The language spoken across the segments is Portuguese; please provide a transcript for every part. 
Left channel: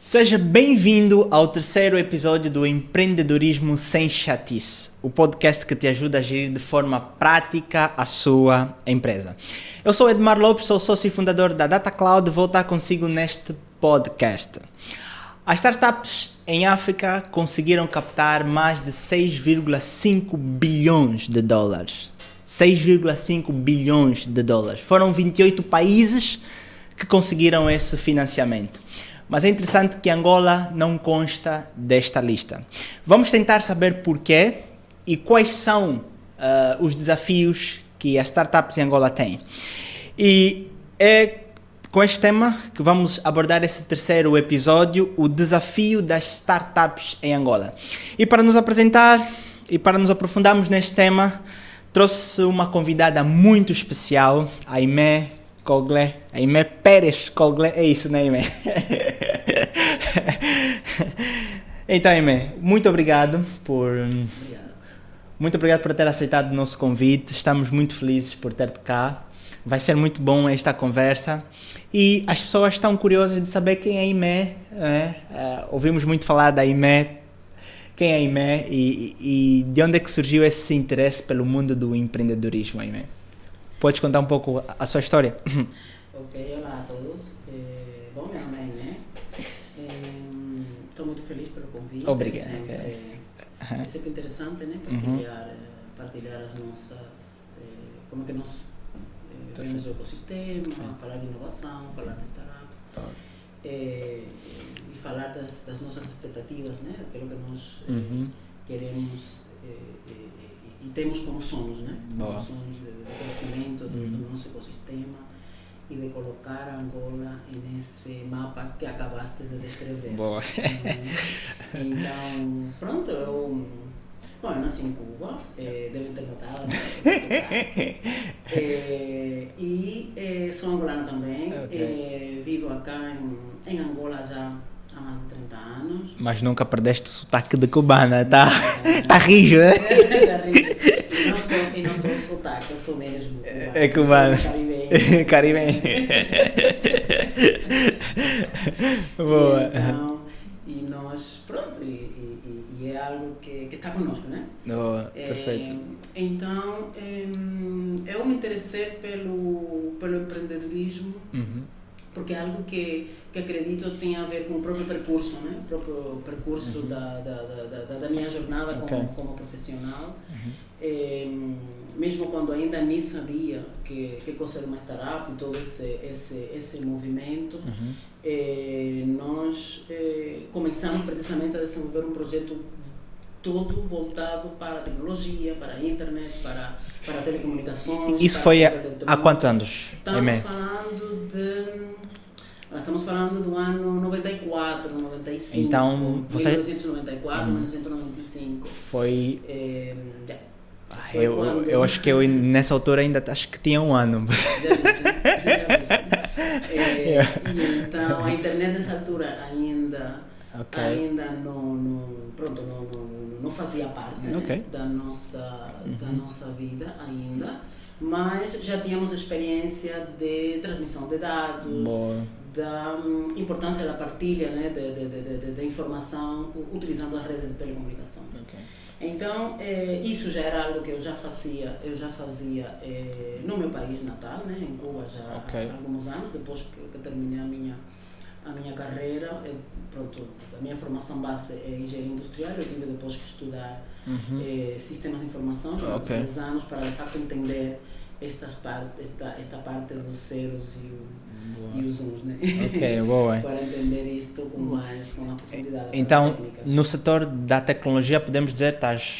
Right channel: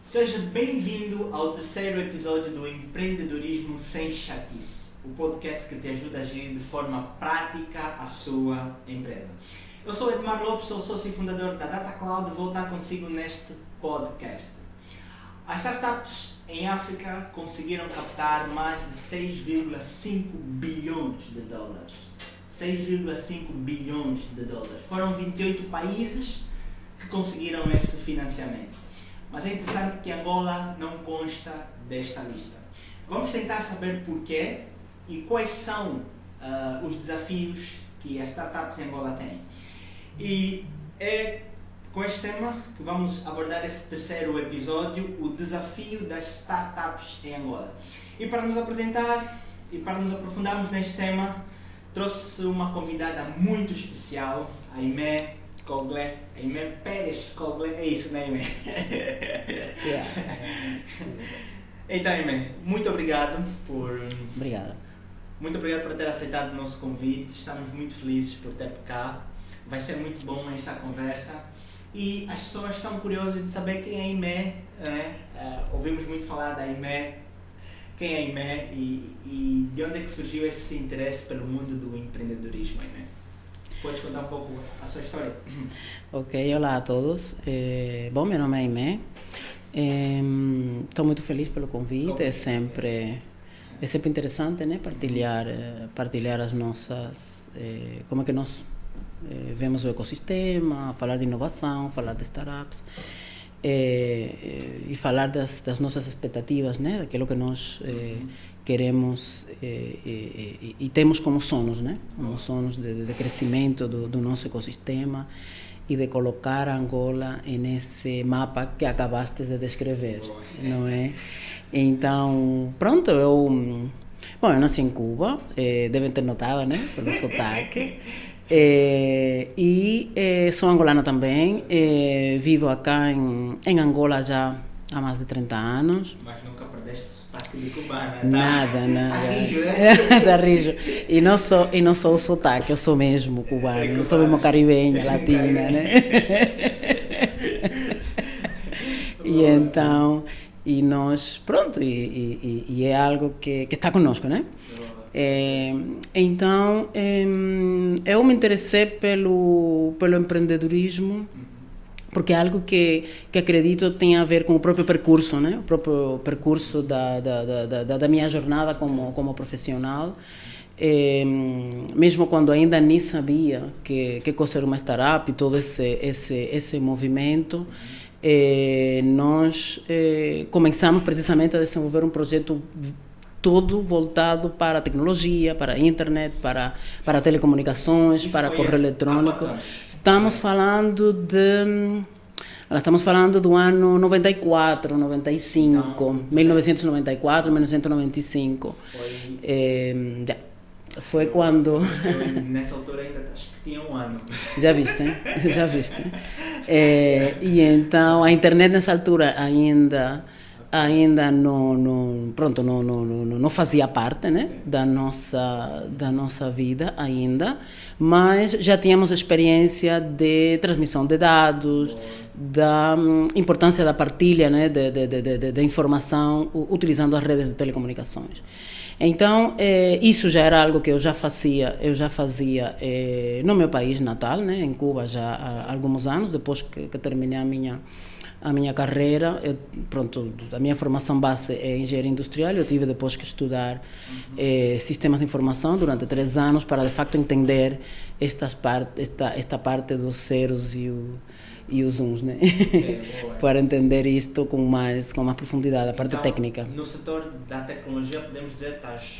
Seja bem-vindo ao terceiro episódio do Empreendedorismo Sem Chatice, o podcast que te ajuda a gerir de forma prática a sua empresa. Eu sou Edmar Lopes, sou sócio e fundador da Data Cloud e vou estar consigo neste podcast. As startups em África conseguiram captar mais de 6,5 bilhões de dólares. 6,5 bilhões de dólares. Foram 28 países que conseguiram esse financiamento. Mas é interessante que Angola não consta desta lista. Vamos tentar saber porquê e quais são os desafios que as startups em Angola têm. E é com este tema que vamos abordar esse terceiro episódio, o desafio das startups em Angola. E para nos apresentar e para nos aprofundarmos neste tema, trouxe uma convidada muito especial, a Aimé Coglé, Aimé Pérez Coglé, é isso, né, Aimé? Então, Aimé, muito obrigado por... Obrigado. Muito obrigado por ter aceitado o nosso convite, estamos muito felizes por ter-te cá. Vai ser muito bom esta conversa e as pessoas estão curiosas de saber quem é a Aimé, ouvimos muito falar da Aimé, quem é a Aimé e de onde é que surgiu esse interesse pelo mundo do empreendedorismo, Aimé? Podes contar um pouco a sua história? Ok, olá a todos. Bom, meu nome é Aimé. Estou muito feliz pelo convite. Obrigado. É sempre interessante, né? Partilhar as nossas... como é que nós vemos o ecossistema, falar de inovação, falar de startups. E falar das nossas expectativas, né? Daquilo que nós queremos e temos como sonhos, né? Como sonhos de crescimento do nosso ecossistema e de colocar Angola nesse mapa que acabaste de descrever. Boa. Não é? Então, pronto, eu nasci em Cuba, devem ter notado, né? Pelo sotaque. Sou angolana também, vivo acá em Angola já há mais de 30 anos. Mas nunca perdeste o sotaque de cubana, tá? Nada. Tá rijo, né? Tá rijo. E não sou o sotaque, eu sou mesmo cubano. É cubano. Sou uma caribenha. Caribenha. Né? Boa. E então... E nós, pronto, e é algo que está conosco, né? Boa, perfeito. Então, eu me interessei pelo empreendedorismo, porque é algo que acredito tem a ver com o próprio percurso, né? O próprio percurso da minha jornada como profissional. Mesmo quando ainda nem sabia que coisa era uma startup e todo esse movimento, nós começamos precisamente a desenvolver um projeto todo voltado para a tecnologia, para a internet, para telecomunicações, Isso para foi correio eletrônico. há quantos anos? Estamos falando do ano 94, 95, Então, 1994, 1995. Foi... Foi quando... Eu acho que eu nessa altura ainda acho que tinha um ano. Já viste? E então a internet nessa altura ainda não fazia parte, né? da nossa vida ainda, mas já tínhamos experiência de transmissão de dados, da importância da partilha, né? de informação utilizando as redes de telecomunicações. Então, isso já era algo que eu já fazia no meu país natal, né? Em Cuba já há alguns anos, depois que terminei a minha carreira. A minha formação base é engenharia industrial, eu tive depois que estudar sistemas de informação durante 3 anos para de facto entender esta parte dos zeros e os uns, né? Boa. Para entender isto com mais profundidade, a parte técnica. No setor da tecnologia, podemos dizer que estás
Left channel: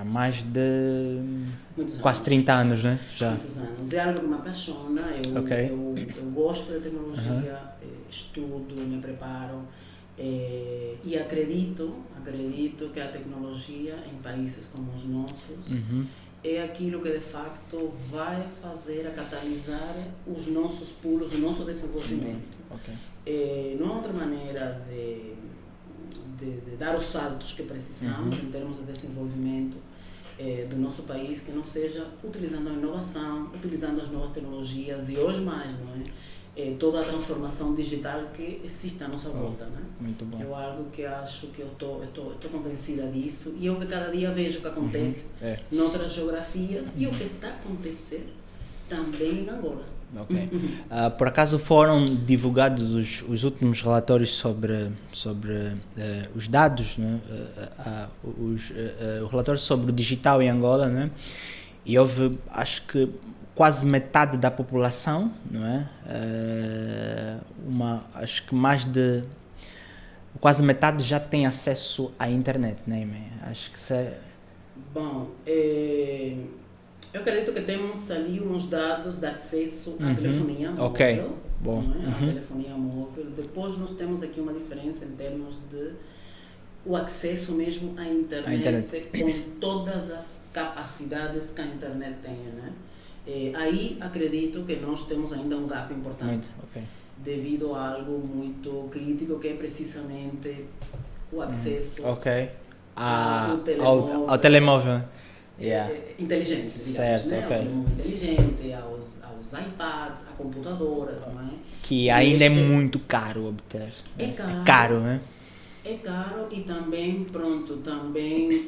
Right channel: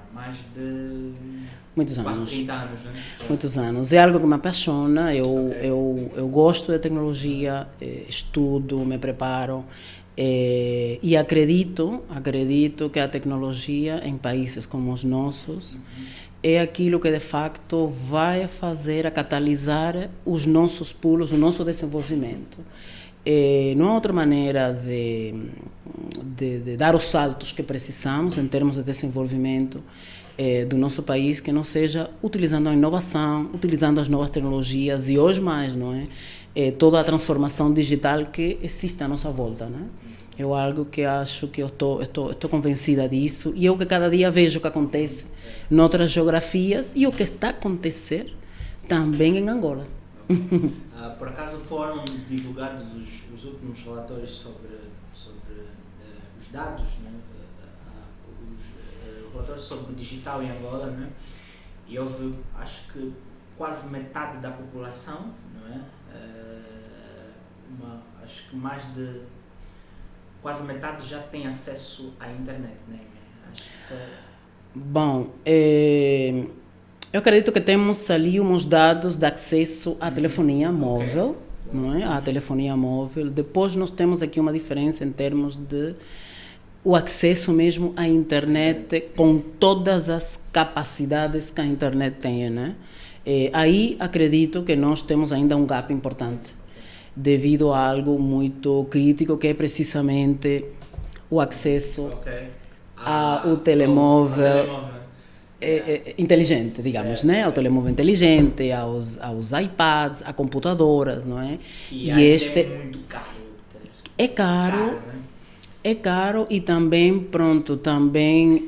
há mais de quase 30 anos, né? Já. Muitos anos. É algo que me apaixona, eu gosto de tecnologia, estudo, me preparo e acredito que a tecnologia em países como os nossos é aquilo que de facto vai fazer a catalisar os nossos pulos, o nosso desenvolvimento. Não há outra maneira de dar os saltos que precisamos em termos de desenvolvimento do nosso país que não seja utilizando a inovação, utilizando as novas tecnologias e hoje mais, não é? toda a transformação digital que existe à nossa volta, né? Muito bom. É algo que acho que eu estou convencida disso, e eu que cada dia vejo o que acontece noutras geografias e o que está a acontecer também em Angola. Okay. Por acaso foram divulgados os últimos relatórios sobre os dados, né? O relatório sobre o digital em Angola, né? E houve, acho que quase metade da população, não é? Acho que quase metade já tem acesso à internet, né? Acho que isso é... Bom, eu acredito que temos ali uns dados de acesso à telefonia móvel, não é? À telefonia móvel. Depois nós temos aqui uma diferença em termos de o acesso mesmo à internet com todas as capacidades que a internet tem, né? Aí acredito que nós temos ainda um gap importante, devido a algo muito crítico, que é precisamente o acesso ao telemóvel. Ao telemóvel. Inteligente, digamos, certo, né? Ao telemóvel inteligente, aos iPads, a computadoras, não é? Que ainda é muito caro obter. É caro. Caro, né? É caro, e também,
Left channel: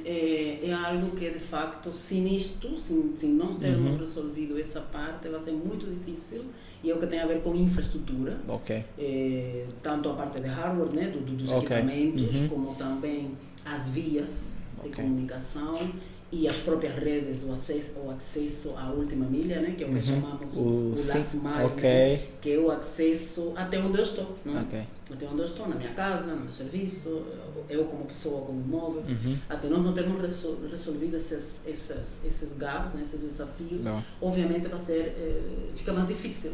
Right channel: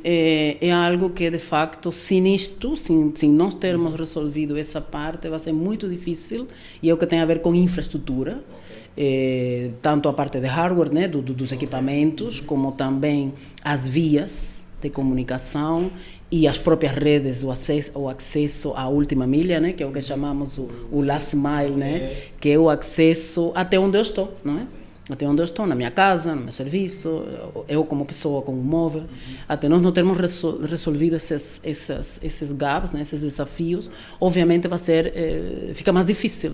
é algo que de facto, se nós termos resolvido essa parte, vai ser muito difícil, e é o que tem a ver com infraestrutura, tanto a parte de hardware, né? Dos equipamentos, como também as vias de comunicação e as próprias redes, o acesso à última milha, né? Que é o que chamamos o last mile, né? Que é o acesso até onde eu estou, não é? Até onde eu estou, na minha casa, no meu serviço, eu como pessoa com um móvel, até nós não termos resolvido esses gaps, né? Esses desafios, obviamente vai ser, fica mais difícil,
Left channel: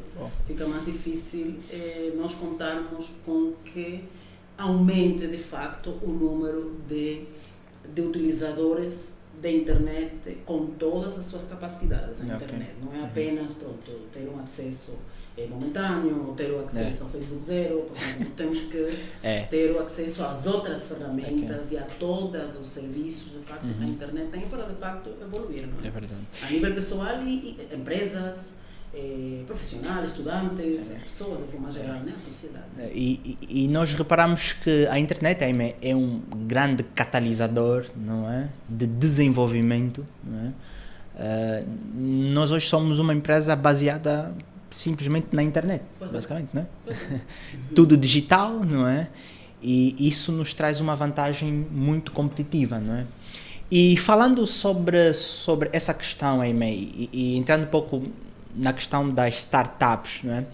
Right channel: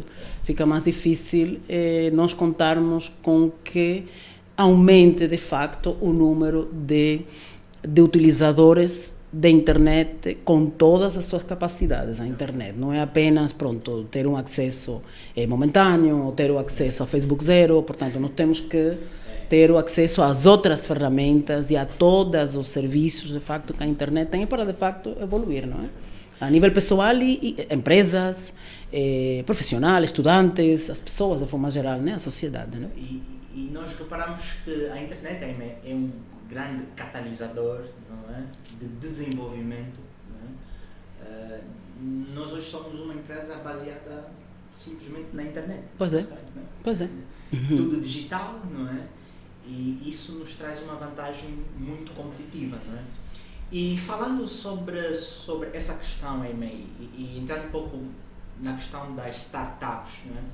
nós contarmos com que aumente de facto o número de utilizadores da internet com todas as suas capacidades à internet. Não é apenas, ter um acesso momentâneo, ou ter o acesso a Facebook Zero. Portanto, nós temos que ter o acesso às outras ferramentas e a todos os serviços, de facto, que a internet tem para, de facto, evoluir, não é? É verdade. A nível pessoal e empresas, profissionais, estudantes, as pessoas de forma geral, né? A sociedade. Né? E nós reparamos que a internet é um grande catalisador, não é? De desenvolvimento, não é? Nós hoje somos uma empresa baseada simplesmente na internet, basicamente, não é? Pois é. Tudo digital, não é? E isso nos traz uma vantagem muito competitiva, não é? E falando sobre essa questão, e entrando um pouco na questão das startups, não é?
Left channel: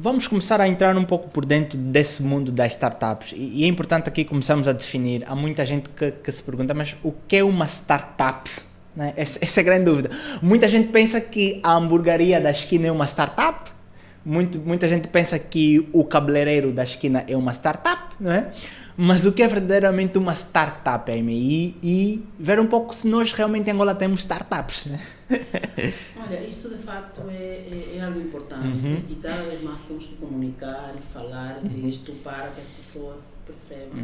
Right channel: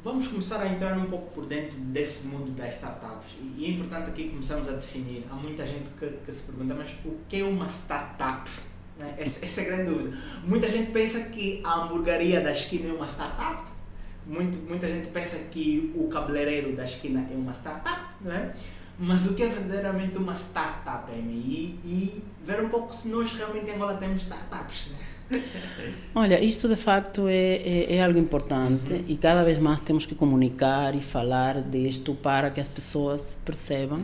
Vamos começar a entrar um pouco por dentro desse mundo das startups, e é importante aqui começarmos a definir. Há muita gente que se pergunta, mas o que é uma startup? Né? Essa é a grande dúvida. Muita gente pensa que a hamburgueria da esquina é uma startup, muita gente pensa que o cabeleireiro da esquina é uma startup, não é? Mas o que é verdadeiramente uma startup, e ver um pouco se nós realmente em Angola temos startups, né? Olha, isto de facto é algo importante, e cada vez mais temos que comunicar e falar disto para que as pessoas percebam.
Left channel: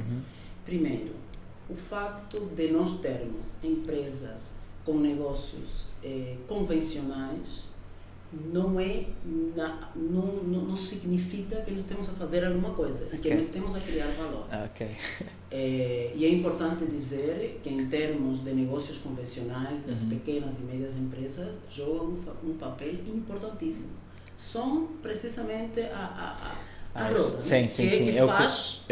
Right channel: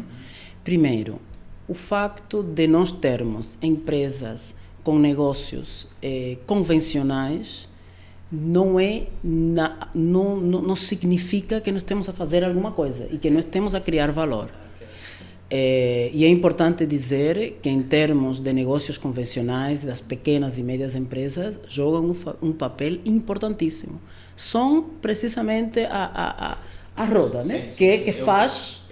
Primeiro, o facto de nós termos empresas com negócios convencionais não significa que nós temos a fazer alguma coisa e que nós temos a criar valor. E é importante dizer que, em termos de negócios convencionais, das pequenas e médias empresas jogam um papel importantíssimo. São precisamente a roda, né? Que faz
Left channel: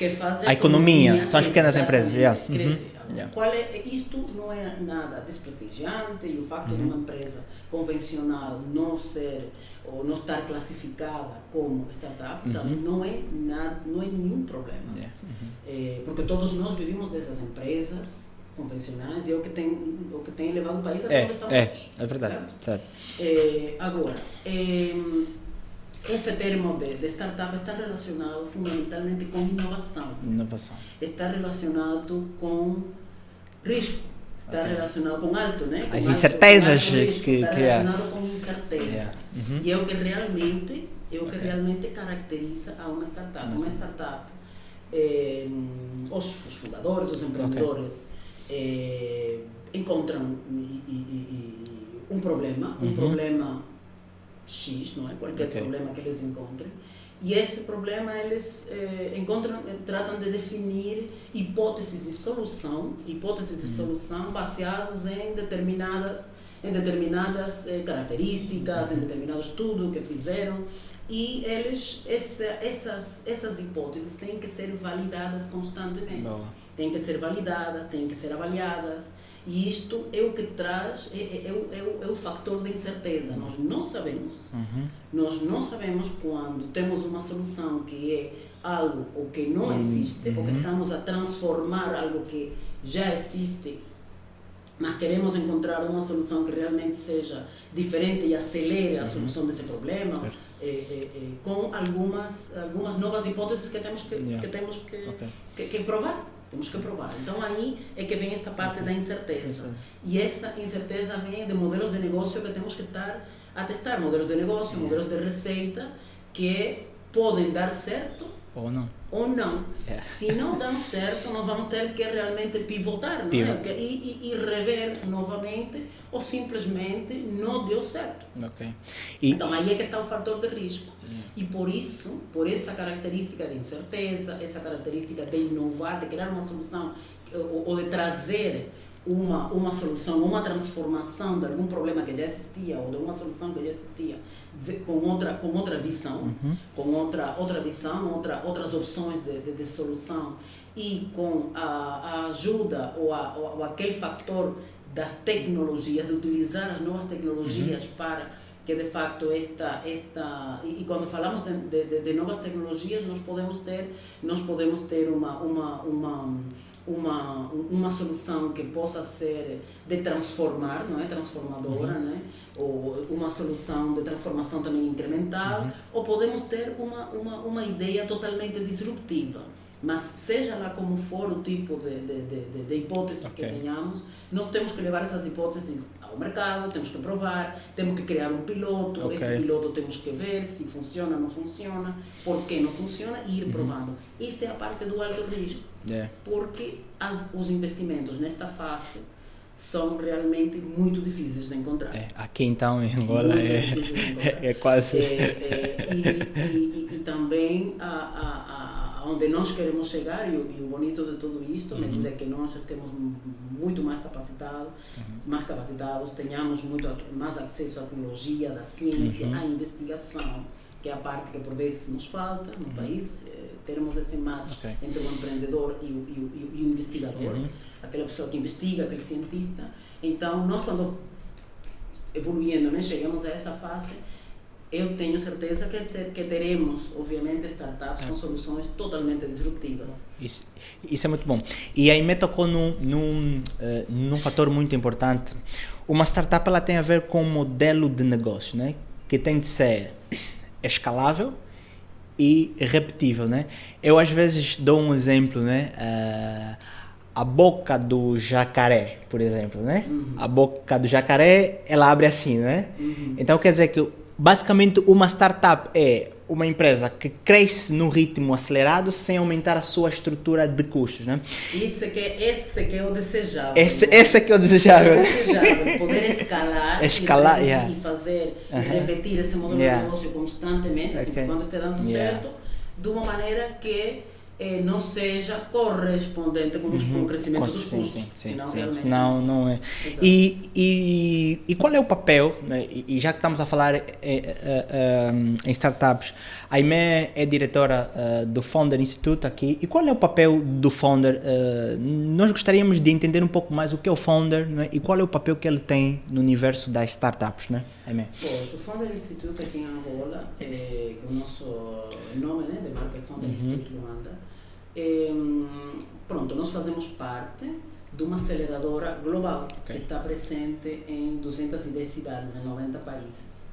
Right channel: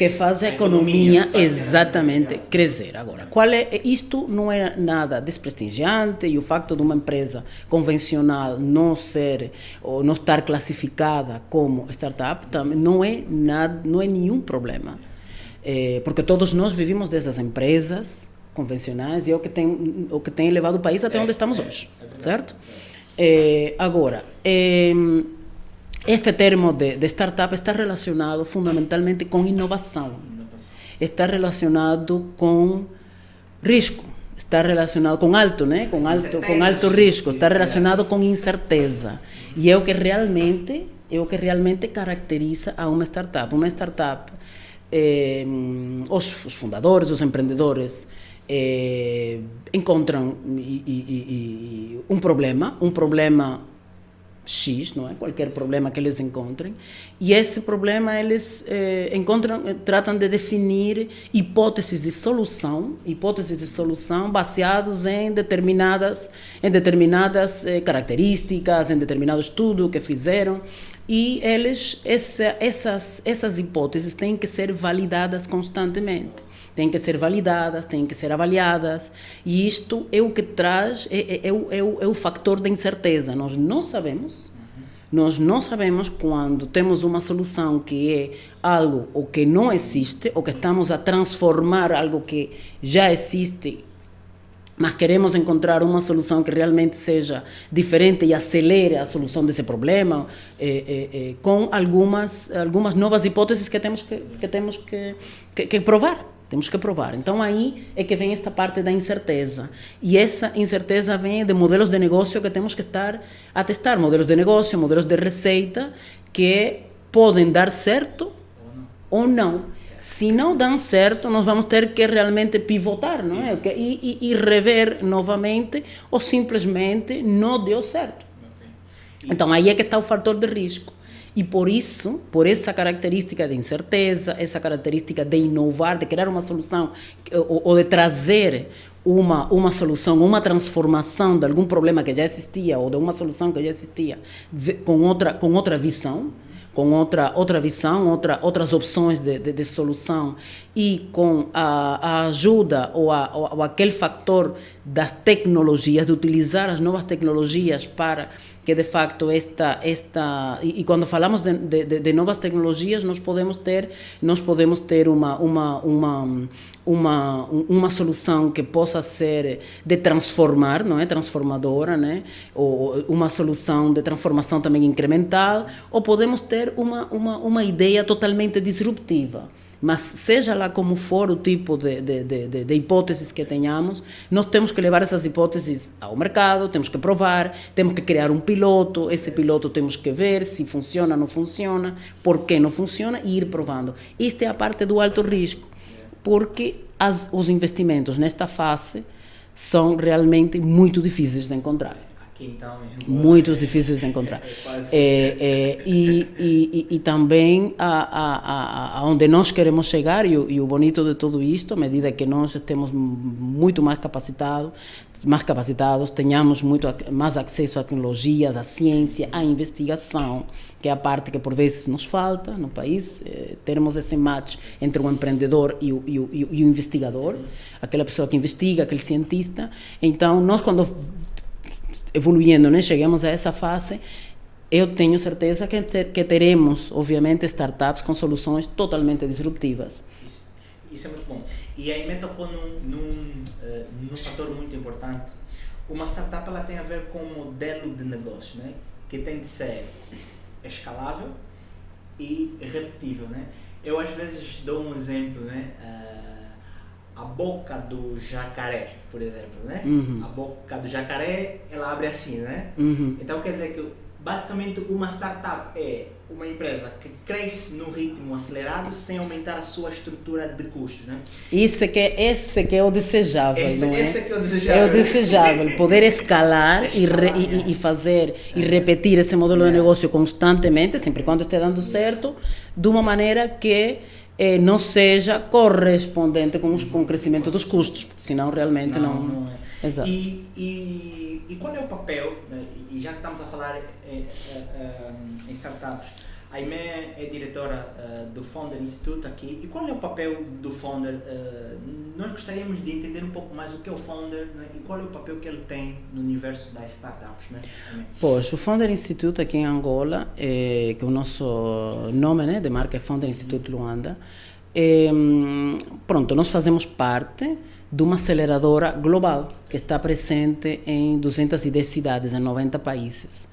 que faz a economia exatamente crescer. Agora, isto não é nada desprestigiante, e o facto de uma empresa convencional não estar classificada como startup também não é nenhum problema. Porque todos nós vivimos dessas empresas convencionais, e é o que tem levado o país até onde estamos hoje. É verdade, certo? Agora, este termo de startup está relacionado fundamentalmente com inovação. Está relacionado com risco. Está relacionado com alto, né? Com alto risco. Está relacionado com incerteza. E é o que realmente caracteriza a uma startup. Uma startup, os fundadores, os empreendedores, encontram um problema X, não é? Qualquer problema que eles encontrem. E esse problema eles tratam de definir hipóteses de solução baseadas em determinadas características, em determinado estudo que fizeram. E essas hipóteses têm que ser validadas constantemente. Têm que ser validadas, têm que ser avaliadas. E isto é o que traz, é o fator da incerteza. Nós não sabemos quando temos uma solução que é algo ou que não existe, ou que estamos a transformar algo que já existe, mas queremos encontrar uma solução que realmente seja diferente e acelere a solução desse problema, com algumas novas hipóteses que temos que provar. Temos que provar. Então, aí é que vem esta parte da incerteza. E essa incerteza vem de modelos de negócio que temos que estar a testar. Modelos de negócio, modelos de receita, que podem dar certo ou não. Se não dão certo, nós vamos ter que realmente pivotar, não é? E rever novamente, ou simplesmente não deu certo. Então, aí é que está o fator de risco. E por isso, por essa característica de incerteza, essa característica de inovar, de criar uma solução, ou de trazer uma solução, uma transformação de algum problema que já existia, ou de uma solução que já existia, com outra visão, com outra visão, outras opções de solução, e com a ajuda ou aquele fator das tecnologias, de utilizar as novas tecnologias para que de facto e quando falamos de novas tecnologias, nós podemos ter uma solução que possa ser de transformar, não é, transformadora, né, ou uma solução de transformação também incremental, ou podemos ter uma ideia totalmente disruptiva. Mas seja lá como for o tipo de hipóteses que tenhamos, nós temos que levar essas hipóteses ao mercado, temos que provar, temos que criar um piloto, esse piloto temos que ver se funciona ou não funciona, por que não funciona, e ir provando. Esta é a parte do alto risco, porque os investimentos nesta fase são realmente muito difíceis de encontrar. Aqui então em Angola muito difíceis de encontrar. Quase. E também aonde nós queremos chegar, e o bonito de tudo isto, à medida que nós estemos muito mais capacitados, tenhamos muito mais acesso a tecnologias, à ciência, à investigação, que é a parte que por vezes nos falta no país, termos esse match entre o empreendedor e o investigador, aquela pessoa que investiga, aquele cientista. Então, nós quando evoluindo, né, chegamos a essa fase, eu tenho certeza que teremos, obviamente, startups com soluções totalmente disruptivas. Isso é muito bom. E aí me tocou num fator muito importante. Uma startup ela tem a ver com um modelo de negócio, né, que tem de ser escalável e repetível, né? Eu às vezes dou um exemplo, né? A boca do jacaré, por exemplo, né? A boca do jacaré, ela abre assim, né? Então quer dizer que basicamente uma startup é uma empresa que cresce num ritmo acelerado sem aumentar a sua estrutura de custos, né? Esse que é o desejável. Esse que é o desejável. É o desejável, poder escalar e fazer e repetir esse modelo de negócio constantemente, sempre quando esteja dando certo, de uma maneira que não seja correspondente com o crescimento dos custos, senão realmente não é. E qual é o papel, né, e já que estamos a falar em startups, a Aimé é diretora do Founder Institute aqui, e qual é o papel do Founder? Nós gostaríamos de entender um pouco mais o que é o Founder, né, e qual é o papel que ele tem no universo das startups, né, Aimé? Pois, o Founder Institute aqui em Angola, que o nosso nome, né, de marca é Founder Institute Luanda, pronto, nós fazemos parte de uma aceleradora global que está presente em 210 cidades, em 90 países.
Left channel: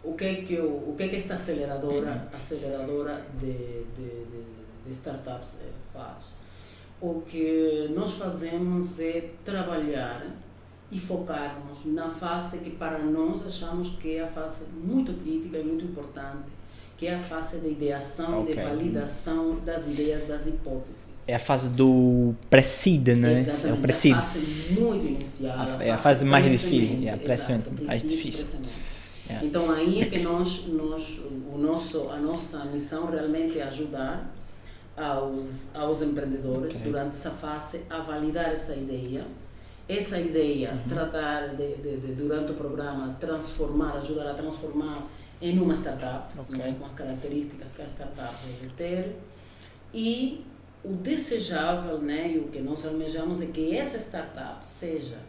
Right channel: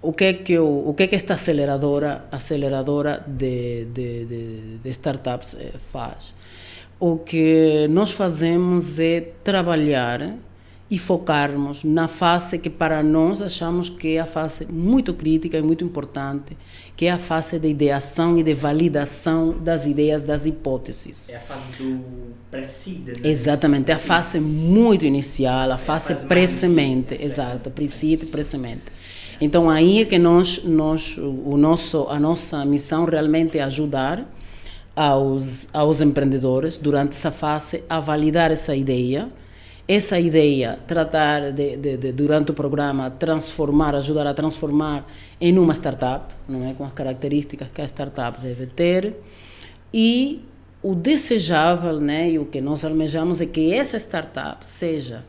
O que é que esta aceleradora de startups faz? O que nós fazemos é trabalhar e focarmos na fase que para nós achamos que é a fase muito crítica e muito importante, que é a fase de ideação e de validação das ideias, das hipóteses. É a fase do pre-seed, né? Exatamente, é a fase muito inicial, a fase pré-semente. Exato, pre-seed, pré-semente. Então aí é que a nossa missão realmente é ajudar aos empreendedores durante essa fase a validar essa ideia, tratar de durante o programa ajudar a transformar em uma startup, não é? Com as características que a startup deve ter, e o desejável, né, e o que nós almejamos é que essa startup seja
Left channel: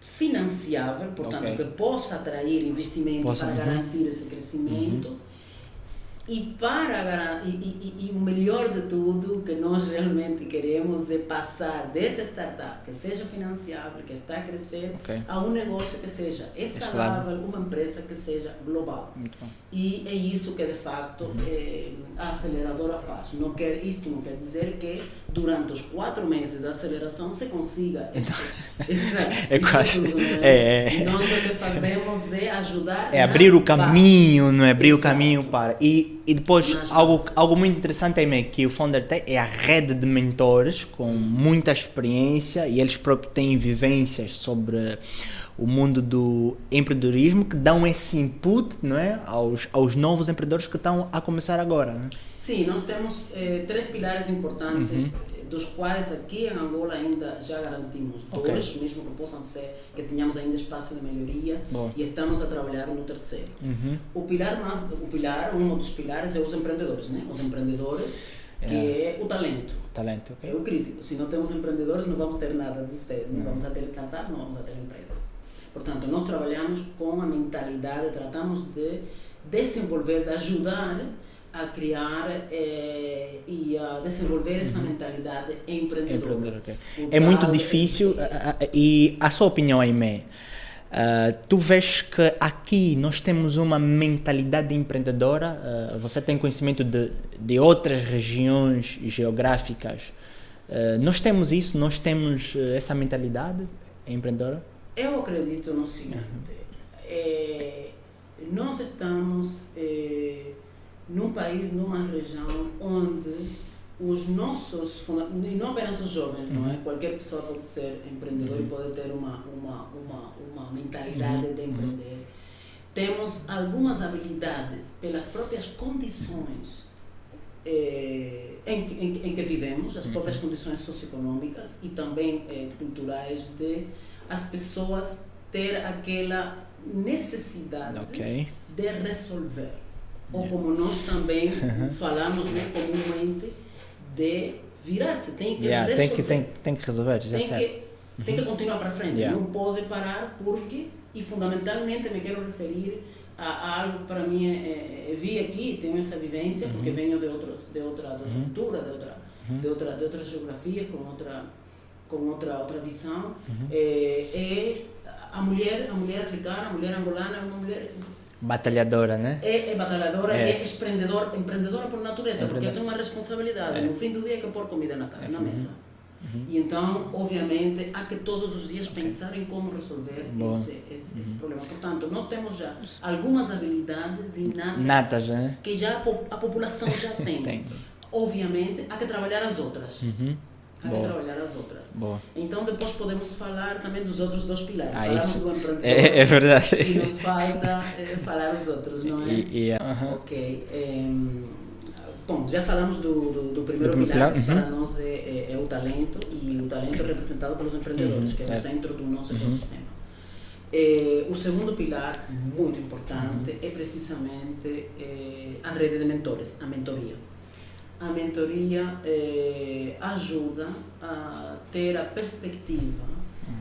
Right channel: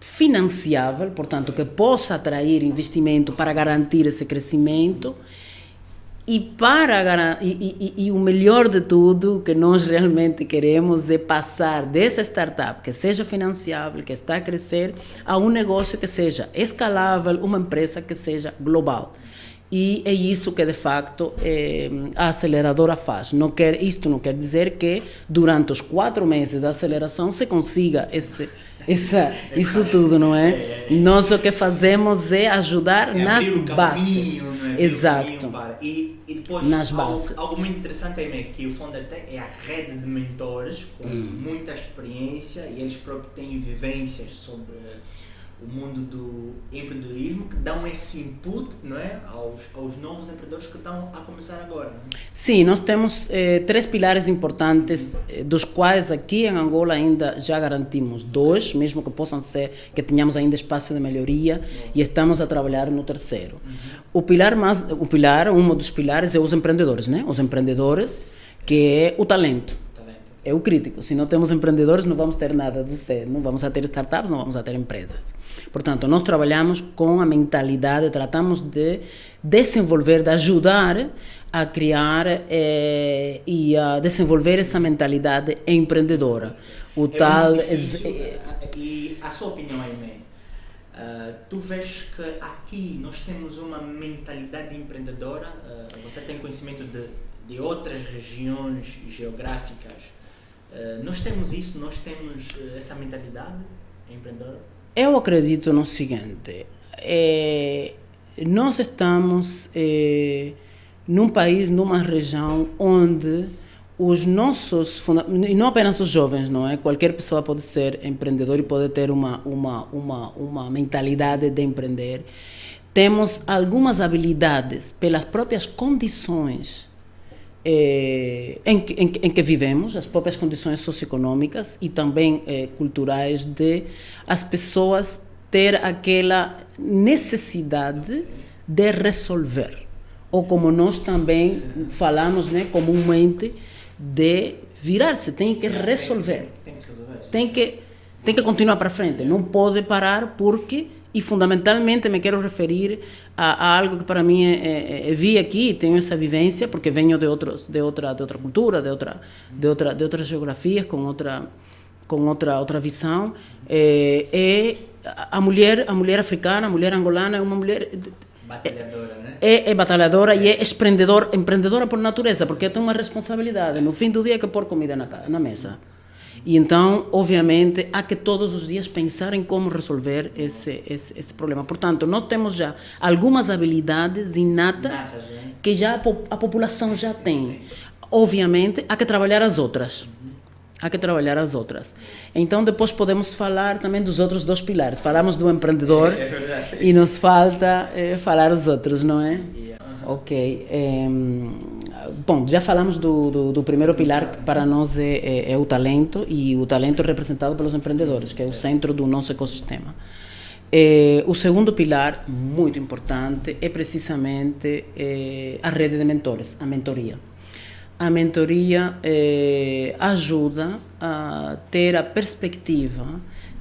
financiável, portanto, que possa atrair investimento para garantir esse crescimento. E o melhor de tudo, que nós realmente queremos é passar dessa startup que seja financiável, que está a crescer, a um negócio que seja escalável, uma empresa que seja global. E é isso que, de facto, a aceleradora faz. Isto não quer dizer que, durante os 4 meses da aceleração, se consiga isso tudo, não é? Nós o que fazemos é ajudar nas abrir o caminho, bases. Não é? Abrir Exato. o caminho para... E depois, algo muito interessante também que o Founder tem é a rede de mentores com muita experiência, e eles próprios têm vivências sobre o mundo do empreendedorismo, que dão esse input, não é, aos novos empreendedores que estão a começar agora. Não é? Sim, nós temos 3 pilares importantes, dos quais aqui em Angola ainda já garantimos 2, mesmo que possam ser que tenhamos ainda espaço de melhoria. E estamos a trabalhar no 3º. Um dos pilares é os empreendedores, né? Os empreendedores, que é o talento. É o crítico. Se não temos empreendedores, não vamos ter nada de ser. Não vamos a ter startups, não vamos a ter empresas. Portanto, nós trabalhamos com a mentalidade, tratamos de desenvolver, de ajudar a criar e a desenvolver essa mentalidade empreendedora. Muito difícil. E a sua opinião, Aimé? Tu vês que aqui nós temos uma mentalidade empreendedora? Você tem conhecimento de outras regiões geográficas? Nós temos isso? Nós temos essa mentalidade empreendedora? Eu acredito no seguinte: nós estamos num país, numa região onde os nossos, e não apenas os jovens, não é? Qualquer pessoa pode ser empreendedor e pode ter uma mentalidade de empreender. Temos algumas habilidades pelas próprias condições em que vivemos, as próprias condições socioeconômicas e também culturais, de as pessoas ter aquela necessidade de resolver. Ou como nós também falamos, né, comumente, de virar-se, tem que resolver. Tem que resolver. Tem que continuar para frente, não pode parar, porque, e fundamentalmente me quero referir a algo que para mim vi aqui, tenho essa vivência, porque venho de outra cultura, de outras geografias, com outra visão. A mulher africana, a mulher angolana é uma mulher batalhadora, né? É batalhadora e é empreendedora por natureza, porque tem uma responsabilidade. No fim do dia, é que pôr comida na mesa. E então, obviamente, há que todos os dias pensar em como resolver esse problema. Portanto, nós temos já algumas habilidades inatas que já a população já tem. Obviamente, há que trabalhar as outras. Então, depois podemos falar também dos outros 2 pilares. Falamos do empreendedor. É verdade. E nos falta falar os outros, não é? Ok. Bom, já falamos do primeiro pilar, que para nós é o talento, e o talento é representado pelos empreendedores, que é o centro do nosso ecossistema. O segundo pilar, muito importante, é precisamente a rede de mentores, a mentoria. A mentoria ajuda a ter a perspectiva,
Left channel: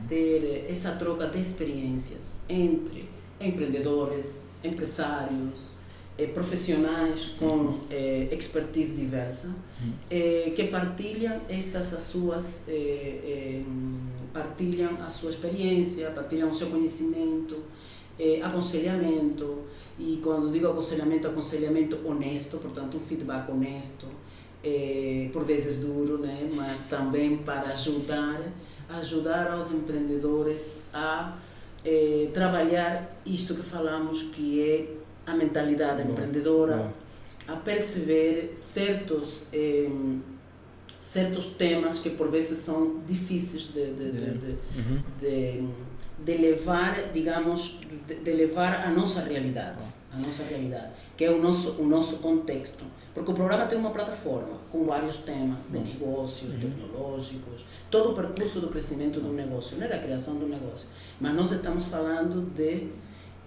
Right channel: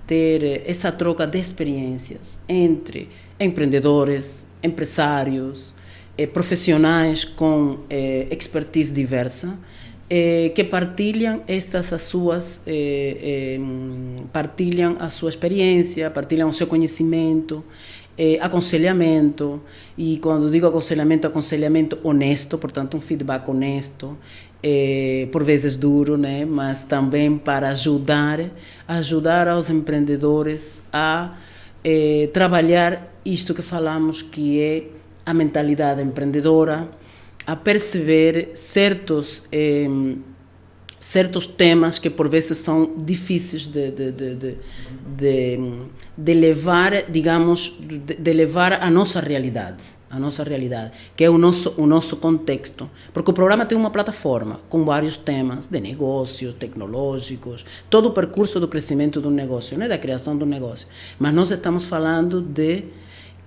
ter essa troca de experiências entre empreendedores, empresários, profissionais com expertise diversa, que partilham partilham a sua experiência, partilham o seu conhecimento, aconselhamento. E quando digo aconselhamento honesto, portanto um feedback honesto, por vezes duro, né? Mas também para ajudar aos empreendedores a trabalhar isto que falamos, que é a mentalidade empreendedora, a perceber certos temas que por vezes são difíceis de levar, digamos, de levar à nossa realidade, que é o nosso contexto, porque o programa tem uma plataforma com vários temas de negócios, tecnológicos, todo o percurso do crescimento do negócio, né, da criação do negócio, mas nós estamos falando de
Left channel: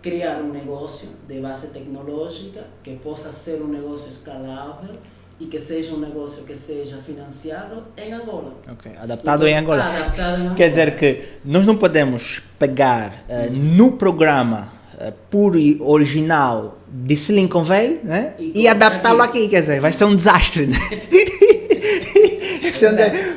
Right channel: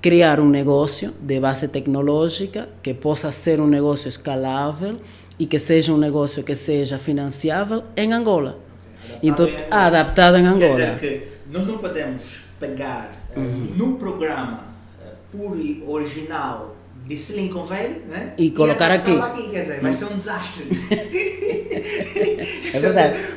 criar um negócio de base tecnológica que possa ser um negócio escalável e que seja um negócio que seja financiável em Angola. Okay. Adaptado em Angola. Adaptado em Angola. Quer dizer que nós não podemos pegar no programa puro e original de Silicon Valley, né? E adaptá-lo aqui. Quer dizer, vai ser um desastre. Né?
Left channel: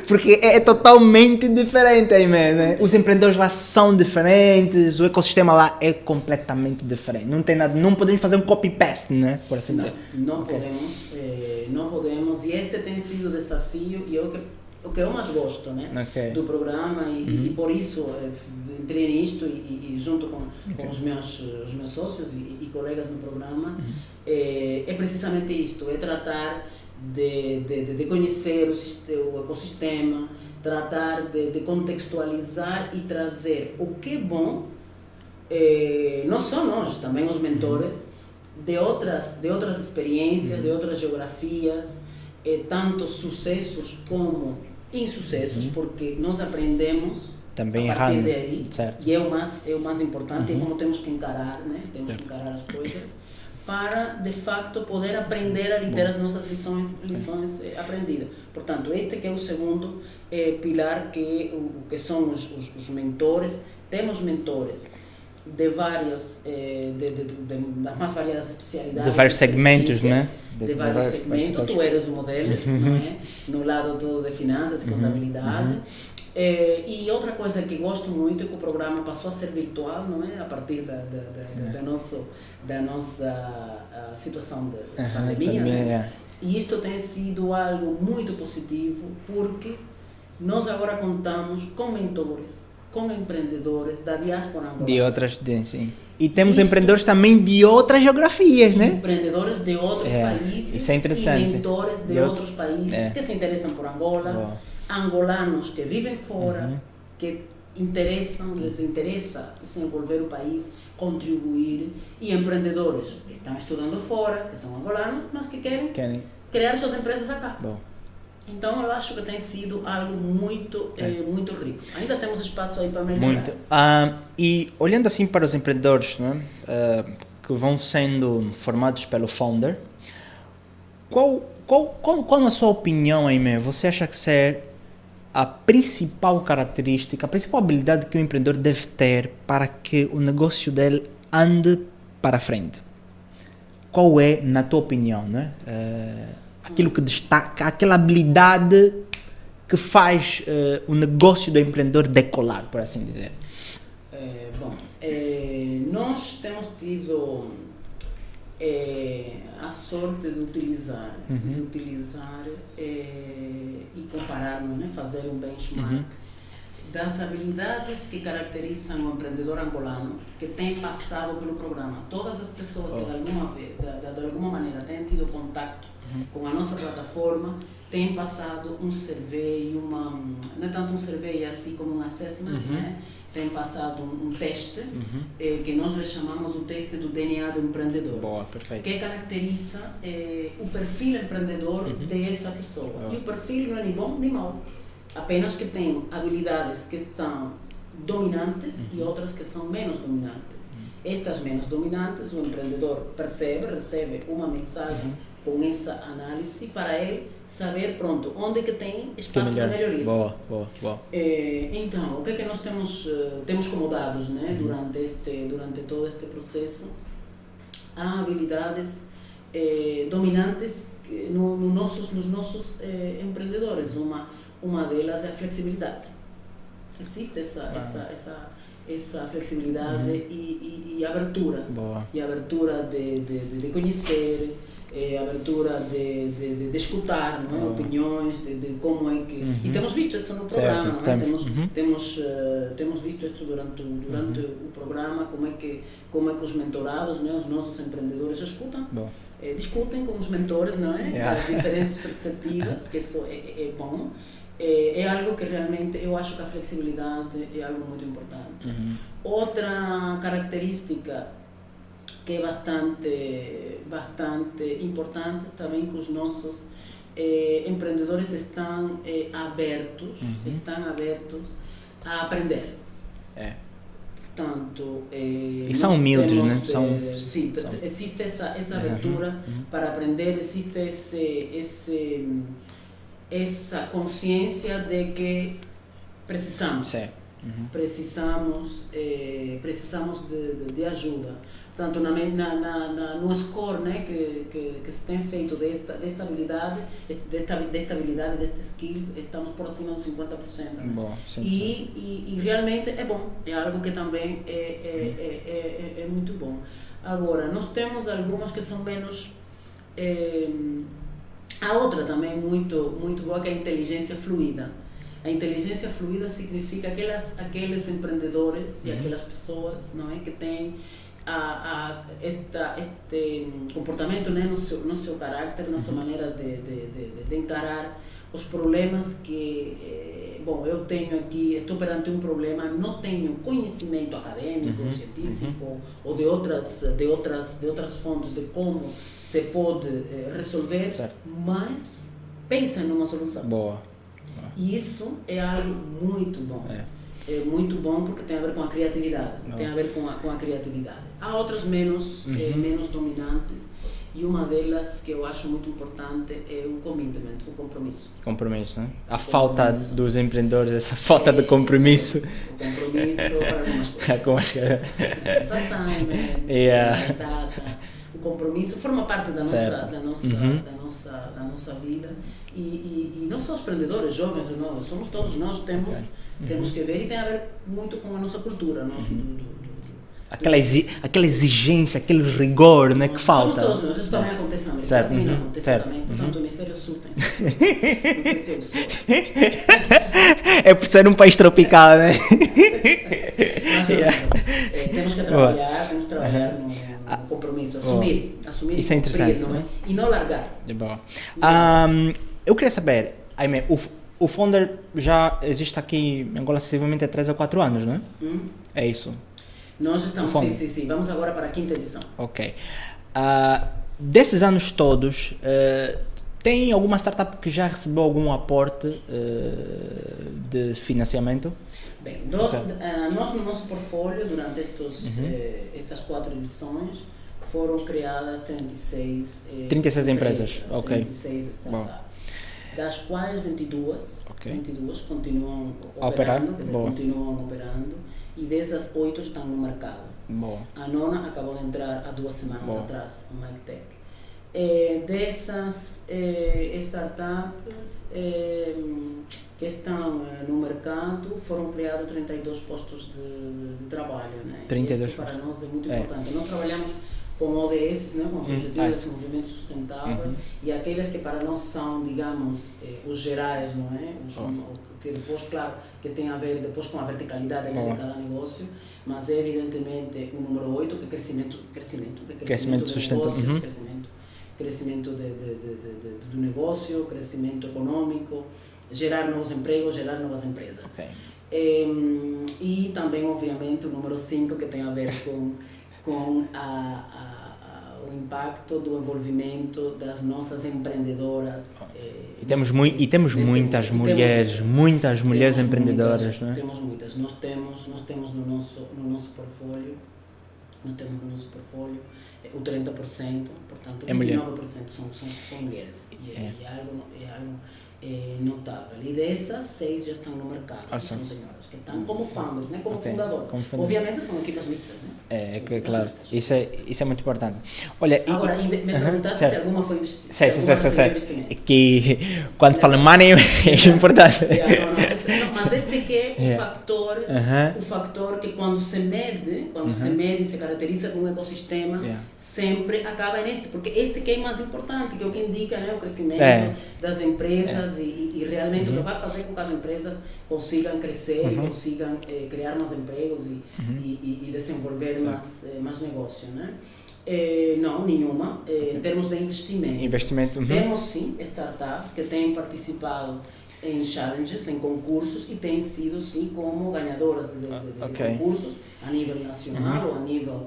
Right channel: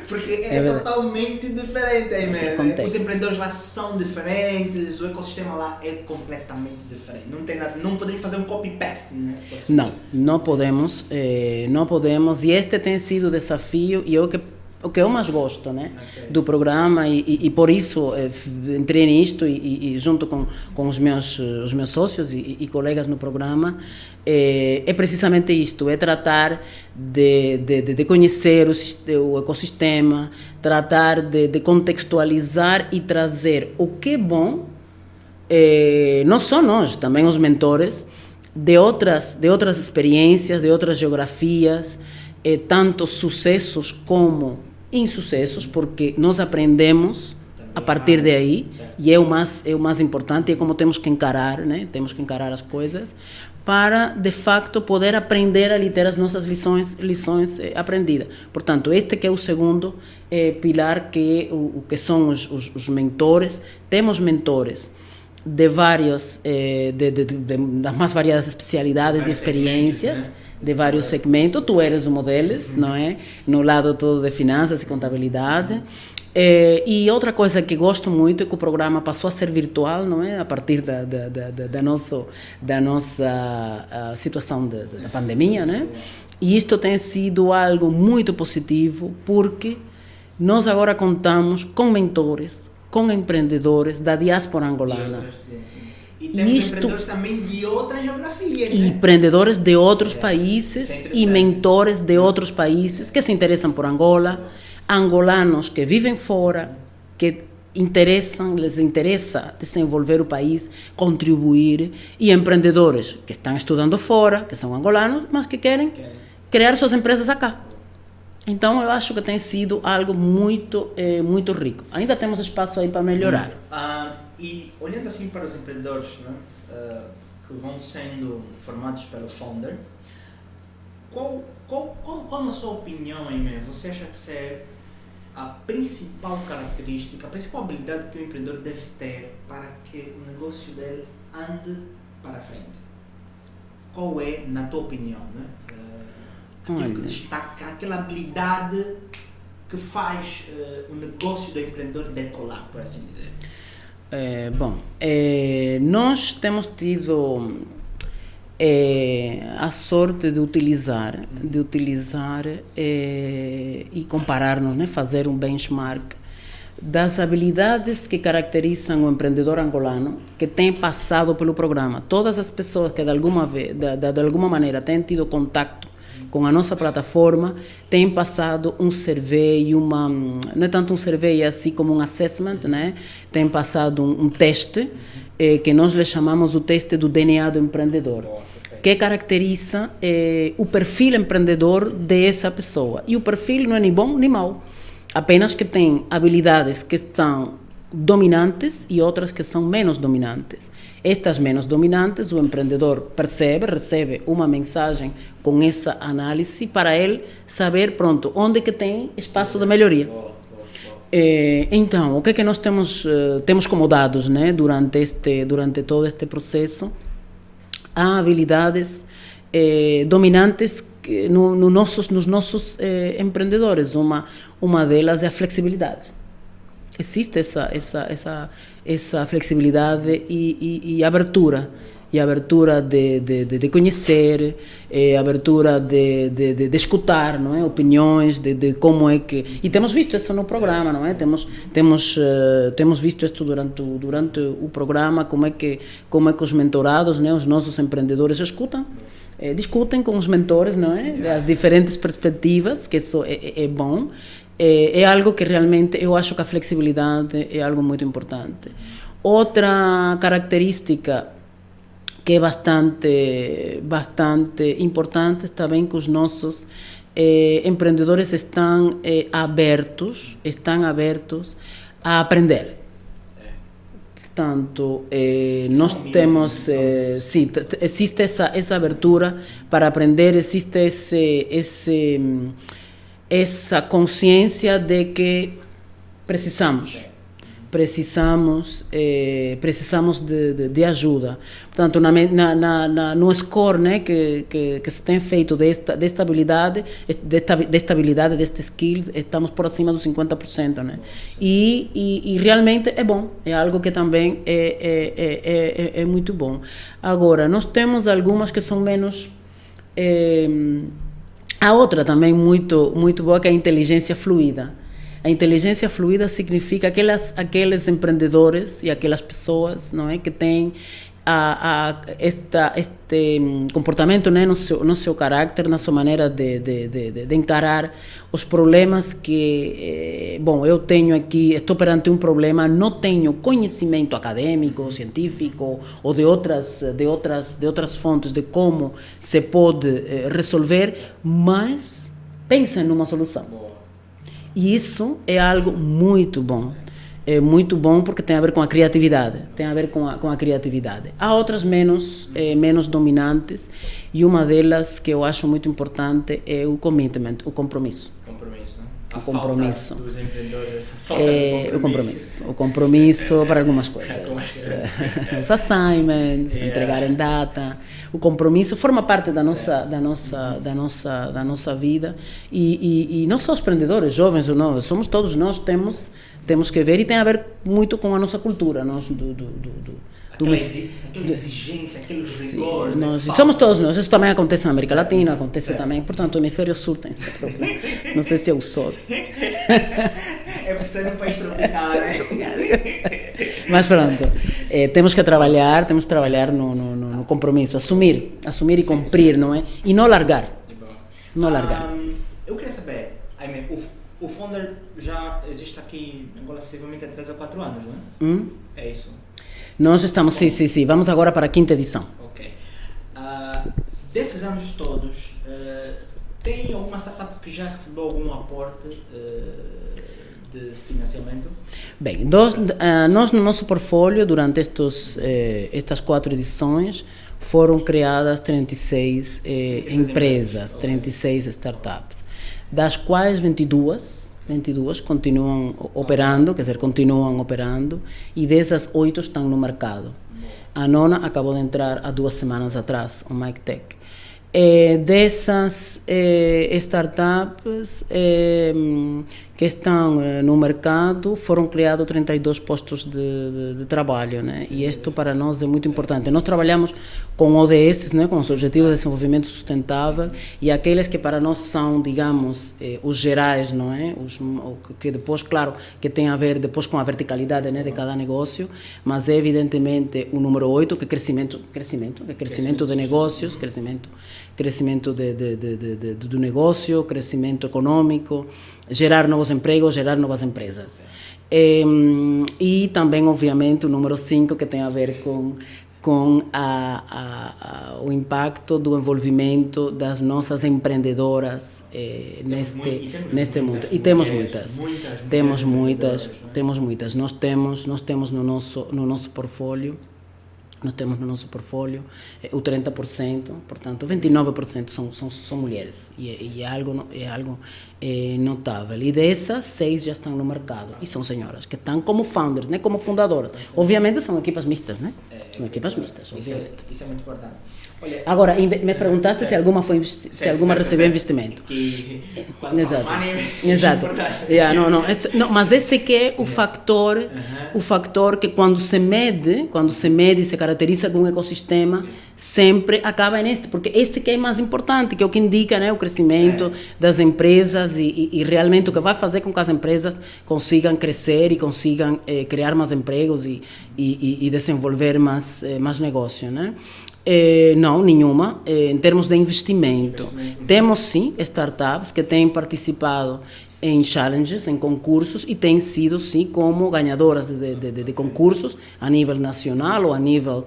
Porque é totalmente diferente aí mesmo. Né? Os empreendedores lá são diferentes, o ecossistema lá é completamente diferente. Não tem nada, não podemos fazer um copy-paste, né? Assim não podemos, e este tem sido o desafio e o que eu mais gosto, né, do programa e por isso entrei nisto e junto com os meus sócios e colegas no programa, é precisamente isto, é tratar de conhecer o ecossistema, tratar de contextualizar e trazer o que é bom, não só nós, também os mentores, de outras experiências, de outras geografias, tanto sucessos como insucessos, porque nós aprendemos também a partir de aí, certo. E é o mais importante, é como temos que encarar, né? Temos que encarar as coisas para, de facto, poder aprender a ter as nossas lições aprendidas. Portanto, este que é o segundo pilar, que é o que são os mentores. Temos mentores de vários, das mais variadas especialidades, de vários segmentos, né? De vários segmentos, tu eres uma deles, não é? No lado todo de finanças e contabilidade. E outra coisa que gosto muito é que o programa passou a ser virtual, não é? A partir da nossa situação da pandemia, né? E isto tem sido algo muito positivo, porque nós agora contamos com mentores, com empreendedores da diáspora angolana. De outras, sim. E temos empreendedores também de outras geografias, né? Empreendedores de outros países e mentores de outros países que se interessam por Angola, angolanos que vivem fora, que lhes interessa desenvolver o país, contribuir, e empreendedores que estão estudando fora, que são angolanos, mas que querem criar suas empresas acá. Então, eu acho que tem sido algo muito rico. Ainda temos espaço aí para melhorar. E olhando assim para os empreendedores, né, que vão sendo formados pelo founder, qual na sua opinião, Aimé, você acha que é a principal característica, a principal habilidade que o empreendedor deve ter para que o negócio dele ande para frente? Qual é, na tua opinião, né? Aquilo que destaca, aquela habilidade que faz o negócio do empreendedor decolar, por assim dizer? Nós temos tido a sorte de utilizar e comparar-nos, né? Fazer um benchmark das habilidades que caracterizam o empreendedor angolano que tem passado pelo programa. Todas as pessoas que de alguma maneira têm tido contato com a nossa plataforma têm passado um survey, não é tanto um survey assim como um assessment, né? Tem passado um teste que nós lhe chamamos o teste do DNA do empreendedor, que caracteriza o perfil empreendedor dessa pessoa. E o perfil não é nem bom nem mau, apenas que tem habilidades que são dominantes e outras que são menos dominantes. Estas menos dominantes, o empreendedor recebe uma mensagem com essa análise para ele saber, onde que tem espaço de melhoria. Boa. Então, o que é que nós temos como dados, né, durante todo este processo? Há habilidades dominantes nos nossos empreendedores. Uma delas é a flexibilidade. Existe essa flexibilidade e abertura. Boa. E abertura de conhecer, abertura de escutar, não é? Opiniões, de como é que... E temos visto isso no programa, certo, não é? Temos visto isso durante o programa, como é que os mentorados, né, os nossos empreendedores escutam, discutem com os mentores, não é? As diferentes perspectivas, que isso é bom. É algo que realmente eu acho que a flexibilidade é algo muito importante. Outra característica que é bastante importante também, que os nossos empreendedores estão abertos a aprender. Portanto, nós humildes, temos, né? Sim, existe essa abertura para aprender, existe essa consciência de que precisamos de ajuda. Portanto, no score, né, que se tem feito de estabilidade destes skills, estamos por acima dos 50%. Né? Bom, e realmente é bom, é algo que também é muito bom. Agora, nós temos algumas que são menos... A outra também muito boa, que é a inteligência fluida. A inteligência fluida significa aqueles empreendedores e aquelas pessoas, não é, que têm este comportamento, né, no seu carácter, na sua maneira de encarar os problemas que, eu tenho aqui, estou perante um problema, não tenho conhecimento acadêmico, científico ou de outras fontes de como se pode resolver, mas pensa numa solução. Boa. E isso é algo muito bom. É muito bom porque tem a ver com a criatividade. Tem a ver com a criatividade. Há outras menos dominantes, e uma delas que eu acho muito importante é o commitment, o compromisso. Compromisso, né? A falta dos empreendedores, essa falta de compromisso. O compromisso para algumas coisas. Os assignments, entregar em data. O compromisso forma parte da nossa vida, e não só os empreendedores, jovens ou não, somos todos nós, temos que ver, e tem a ver muito com a nossa cultura, nós, aquela exigência, aquele rigor, né, que falta. Somos todos nós, isso também acontece na América Latina, acontece também, portanto, o hemisfério sul tem. Não sei se é o sol. É por ser um país tropical, né? Mas pronto, temos que trabalhar no compromisso, assumir e cumprir, não é? E não largar. Eu queria saber, Aimé, o Founder já existe aqui em Angola sensivelmente há 3 a 4 anos, não é? É isso? Nós estamos, sim, vamos agora para a 5ª edição. Ok. Desses anos todos, tem alguma startup que já recebeu algum aporte de financiamento? Bem, nós no nosso portfólio, durante estas 4 edições, foram criadas 36 empresas, okay. 36 startups, das quais 22 continuam operando, quer dizer, continuam operando, e dessas 8 estão no mercado. Boa. A 9ª acabou de entrar há 2 semanas atrás, o MikeTech. Dessas startups que estão no mercado, foram criados 32 postos de trabalho, né? E isto para nós é muito importante. Nós trabalhamos com ODS, né, com os Objetivos de Desenvolvimento Sustentável, e aqueles que para nós são, digamos, os gerais, não é? Que depois, claro, que tem a ver depois com a verticalidade, né, de cada negócio, mas é evidentemente o número 8, que é crescimento de negócios, crescimento do negócio, crescimento econômico, gerar novos empregos, gerar novas empresas. E também, obviamente, o número 5, que tem a ver com o impacto do envolvimento das nossas empreendedoras. Temos muitas mulheres empreendedoras. Temos muitas. Nós temos no nosso portfólio nós temos no nosso portfólio o 30%, portanto, 29% são mulheres. E é algo notável. E dessas, 6 já estão no mercado. E são senhoras que estão como founders, né? Como fundadoras. Obviamente são equipas mistas, né? Equipas mistas. Isso é muito importante. Olha, agora, me perguntaste se alguma recebeu investimento. Que quando fala money é importante. Mas esse que é o factor que quando se mede e se caracteriza com um ecossistema, sempre acaba neste, porque este que é mais importante, que é o que indica, né, o crescimento das empresas e realmente o que vai fazer com que as empresas consigam crescer e consigam criar mais empregos e desenvolver mais negócio, né? Não, nenhuma. Em termos de investimento. Temos sim startups que têm participado em challenges, em concursos, e têm sido sim como ganhadoras de concursos a nível nacional ou a nível...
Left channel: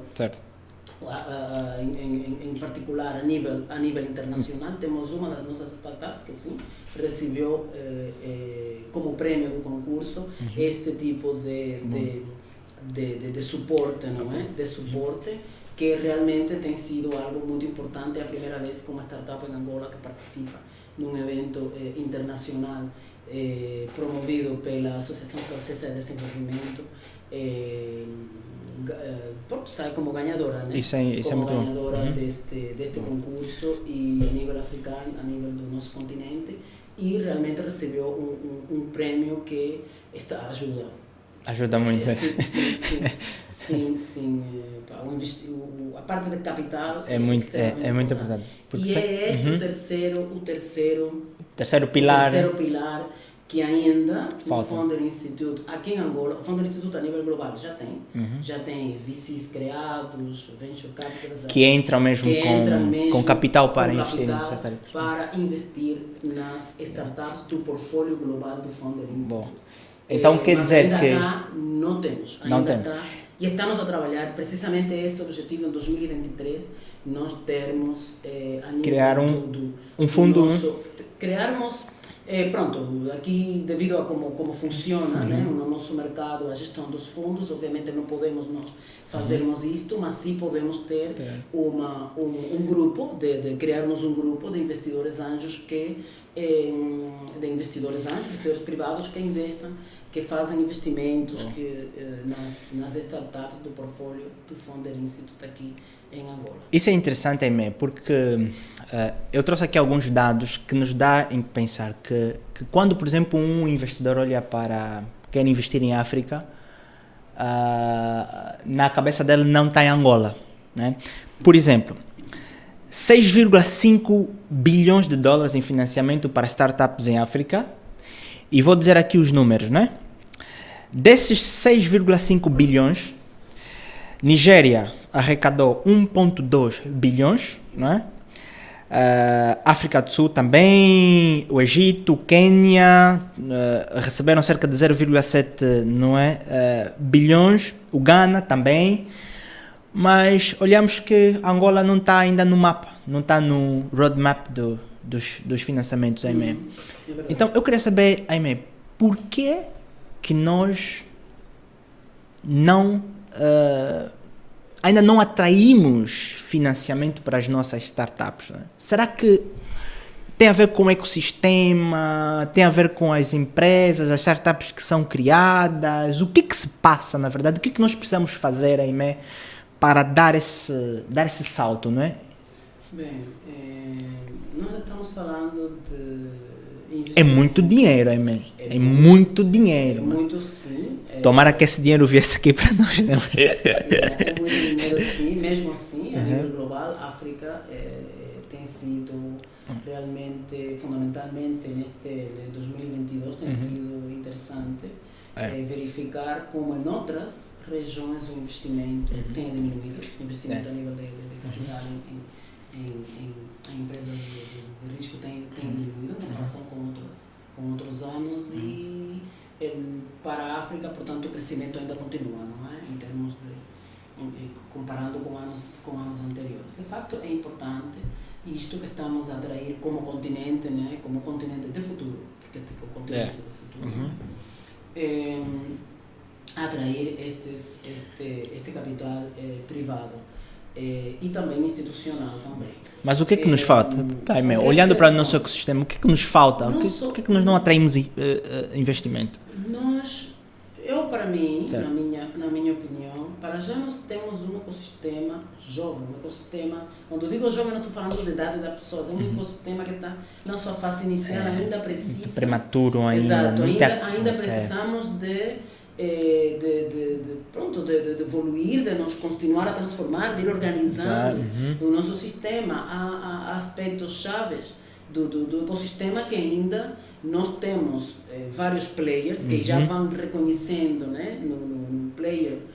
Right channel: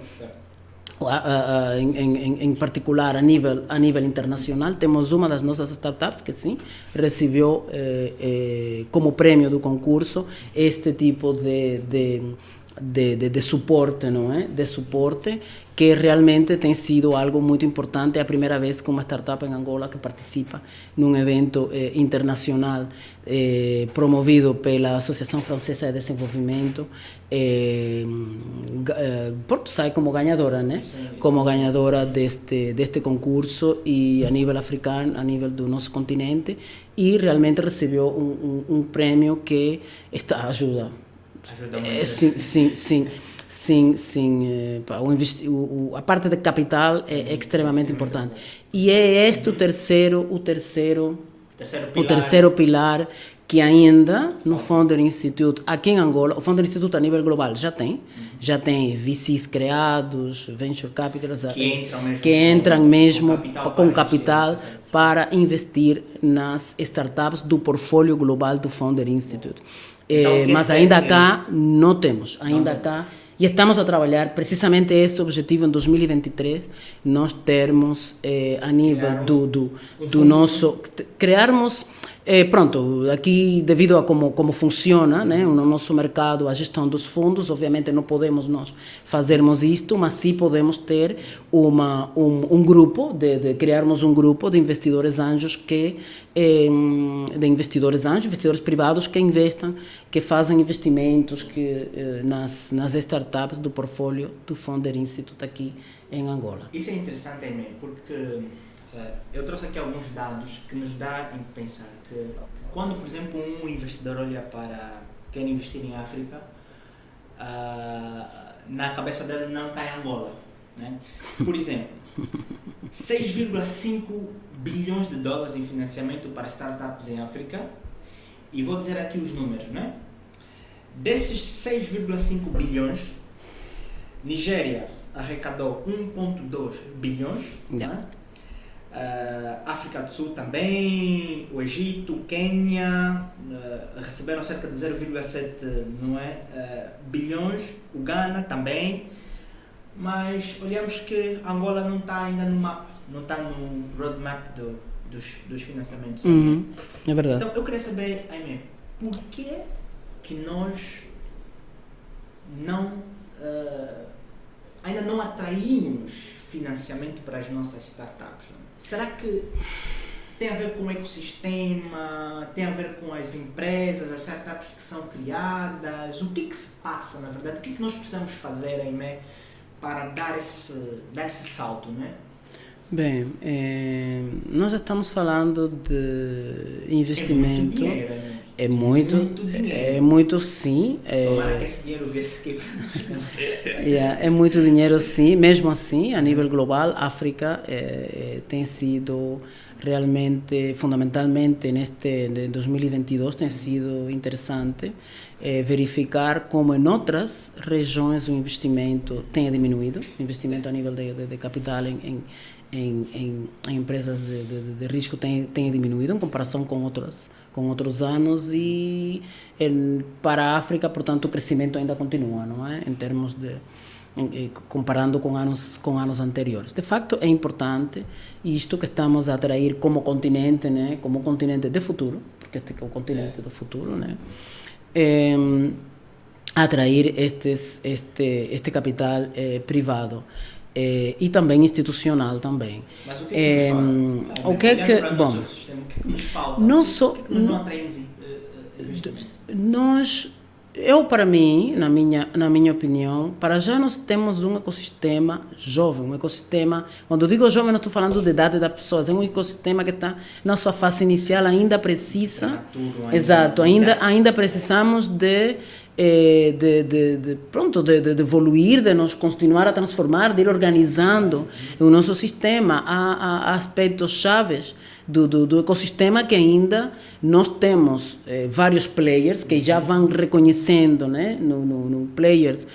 em particular a nível internacional. Temos uma das nossas startups que sim recebeu como prêmio do concurso este tipo de suporte, não é? De suporte, que realmente tem sido algo muito importante. É a primeira vez que uma startup em Angola que participa num evento internacional promovido pela Associação Francesa de Desenvolvimento, sai como ganhadora, né? Como ganhadora deste concurso, e a nível africano, a nível do nosso continente, e realmente recebeu um prêmio que ajuda muito. A parte de capital é extremamente importante. E é este o terceiro pilar que ainda no Founder Institute, aqui em Angola, o Founder Institute a nível global já tem VCs criados, Venture Capitals, que entram mesmo com capital para investir nas startups do portfólio global do Founder Institute. Então, mas ainda cá não temos, e estamos a trabalhar precisamente esse objetivo em 2023, nós termos a nível do nosso, criarmos, aqui devido a como funciona, né, no nosso mercado, a gestão dos fundos, obviamente não podemos nós fazermos isto, mas sim podemos ter um grupo, criarmos um grupo de investidores anjos investidores privados que investam, que fazem investimentos nas startups do portfólio do Founder Institute aqui em Angola. Isso é interessante, Aimé, porque eu trouxe aqui alguns dados que nos dá em pensar que quando, por exemplo, um investidor quer investir em África, na cabeça dele não está em Angola, né? Por exemplo, 6,5 bilhões de dólares em financiamento para startups em África, e vou dizer aqui os números, né? Desses 6,5 bilhões, Nigéria arrecadou 1,2 bilhões, né? África do Sul também, o Egito, o Quênia receberam cerca de 0,7 bilhões, o Ghana também, mas olhamos que Angola não está ainda no mapa, não está no roadmap dos financiamentos. É verdade. Então eu queria saber, Aimé, por que nós ainda não atraímos financiamento para as nossas startups, né? Será que tem a ver com o ecossistema, tem a ver com as empresas, as startups que são criadas? O que se passa, na verdade? O que nós precisamos fazer, Aimé, para dar esse salto, não é? Bem, nós estamos falando de investimento. É muito dinheiro, Aimé. É muito dinheiro. É muito, sim. Tomara que esse dinheiro viesse aqui para nós, né? É muito dinheiro, sim. Mesmo assim, a nível global, a África tem sido realmente, fundamentalmente, neste de 2022, tem sido interessante verificar como em outras regiões o investimento tem diminuído. O investimento a nível de capital em empresas de risco tem diminuído em comparação com outros anos, e para a África, portanto, o crescimento ainda continua, não é? Em termos comparando com anos anteriores. De facto, é importante isto que estamos a atrair como continente, né? Como continente de futuro, porque este é o continente do futuro, né? atrair este capital privado. E também institucional também. Mas o que é que nos falta? Olhando para o nosso ecossistema, o que é que nos falta? O que é que nós não atraímos investimento? Para mim, na minha opinião, para já nós temos um ecossistema jovem, um ecossistema, quando eu digo jovem não estou falando da idade das pessoas, é um ecossistema que está na sua fase inicial, ainda precisa... Prematuro ainda. Exato, ainda precisamos de evoluir, de nos continuar a transformar, de ir organizando o nosso sistema. Há aspectos chaves do ecossistema que ainda nós temos vários players que já vão reconhecendo, né, no players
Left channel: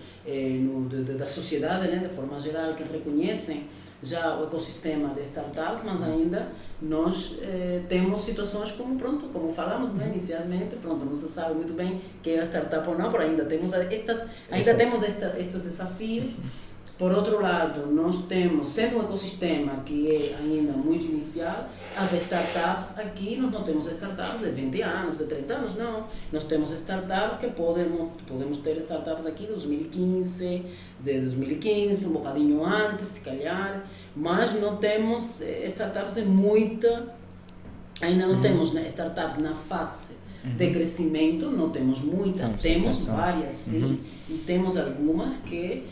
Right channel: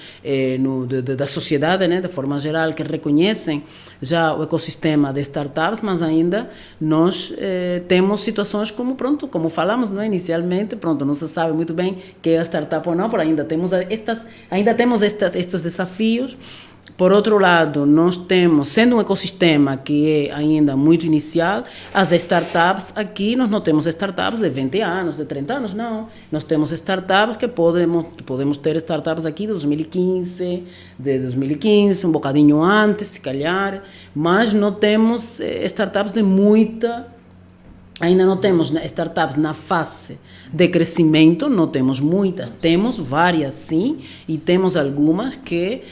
da sociedade, né, de forma geral, que reconhecem já o ecossistema de startups, mas ainda nós temos situações como falamos, não é, inicialmente, não se sabe muito bem que é a startup ou não, mas ainda temos estes desafios. Por outro lado, nós temos, sendo um ecossistema que é ainda muito inicial, as startups aqui, nós não temos startups de 20 anos, de 30 anos, não. Nós temos startups que podemos ter startups aqui de 2015, um bocadinho antes, se calhar, mas não temos startups de muita... Ainda não temos startups na fase de crescimento, não temos muitas, temos várias sim, e temos algumas que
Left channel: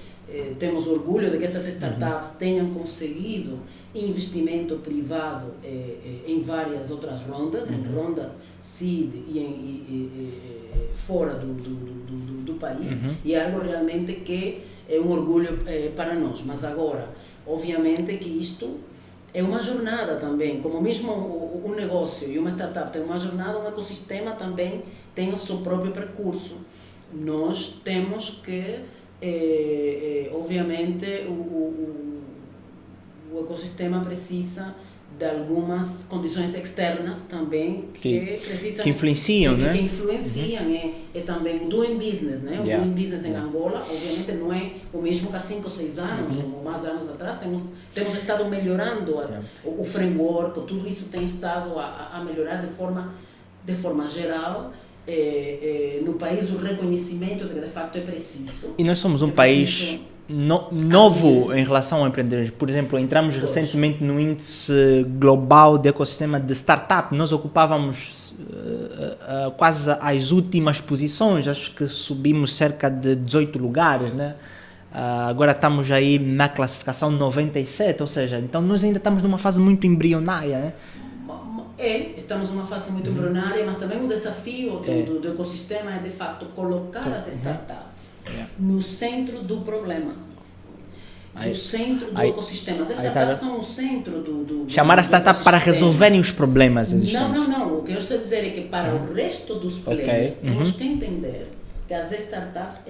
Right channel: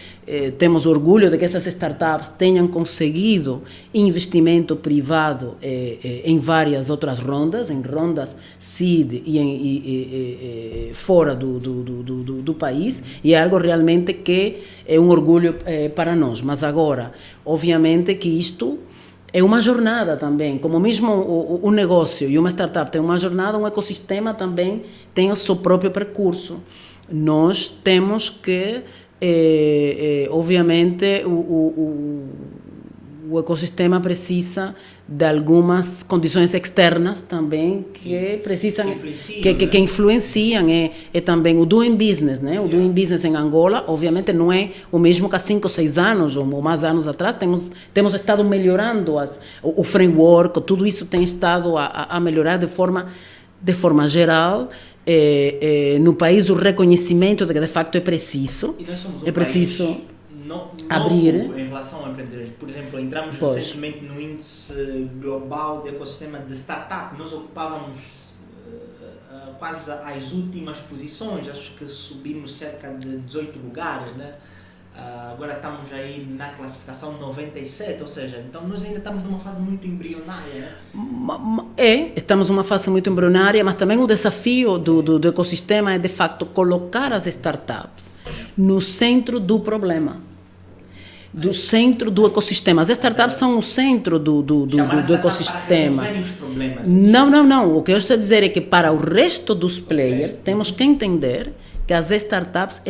temos orgulho de que essas startups tenham conseguido investimento privado em várias outras rondas, em rondas seed e fora do país, e é algo realmente que é um orgulho para nós. Mas agora, obviamente que isto é uma jornada também, como mesmo um negócio e uma startup tem uma jornada, um ecossistema também tem o seu próprio percurso. Nós temos que, obviamente, o ecossistema precisa de algumas condições externas também que precisam que influenciam, que influenciam. É também o doing business, né? O doing business em Angola, obviamente, não é o mesmo que há 5 ou 6 anos ou mais anos atrás. Temos estado melhorando o framework, tudo isso tem estado a melhorar de forma geral. No país o reconhecimento de que de facto é preciso. E nós somos um país novo em relação ao empreendedorismo. Por exemplo, entramos recentemente no índice global de ecossistema de startup. Nós ocupávamos quase as últimas posições, acho que subimos cerca de 18 lugares, né? Agora estamos aí na classificação 97, ou seja, então nós ainda estamos numa fase muito embrionária, né? Estamos numa fase muito embrionária, mas também o desafio do ecossistema é de facto colocar as startups no centro do problema, centro do ecossistema. As startups são o centro do chamar a startup para resolverem os problemas. Não. O que eu estou a dizer é que para o resto dos players temos que entender que as startups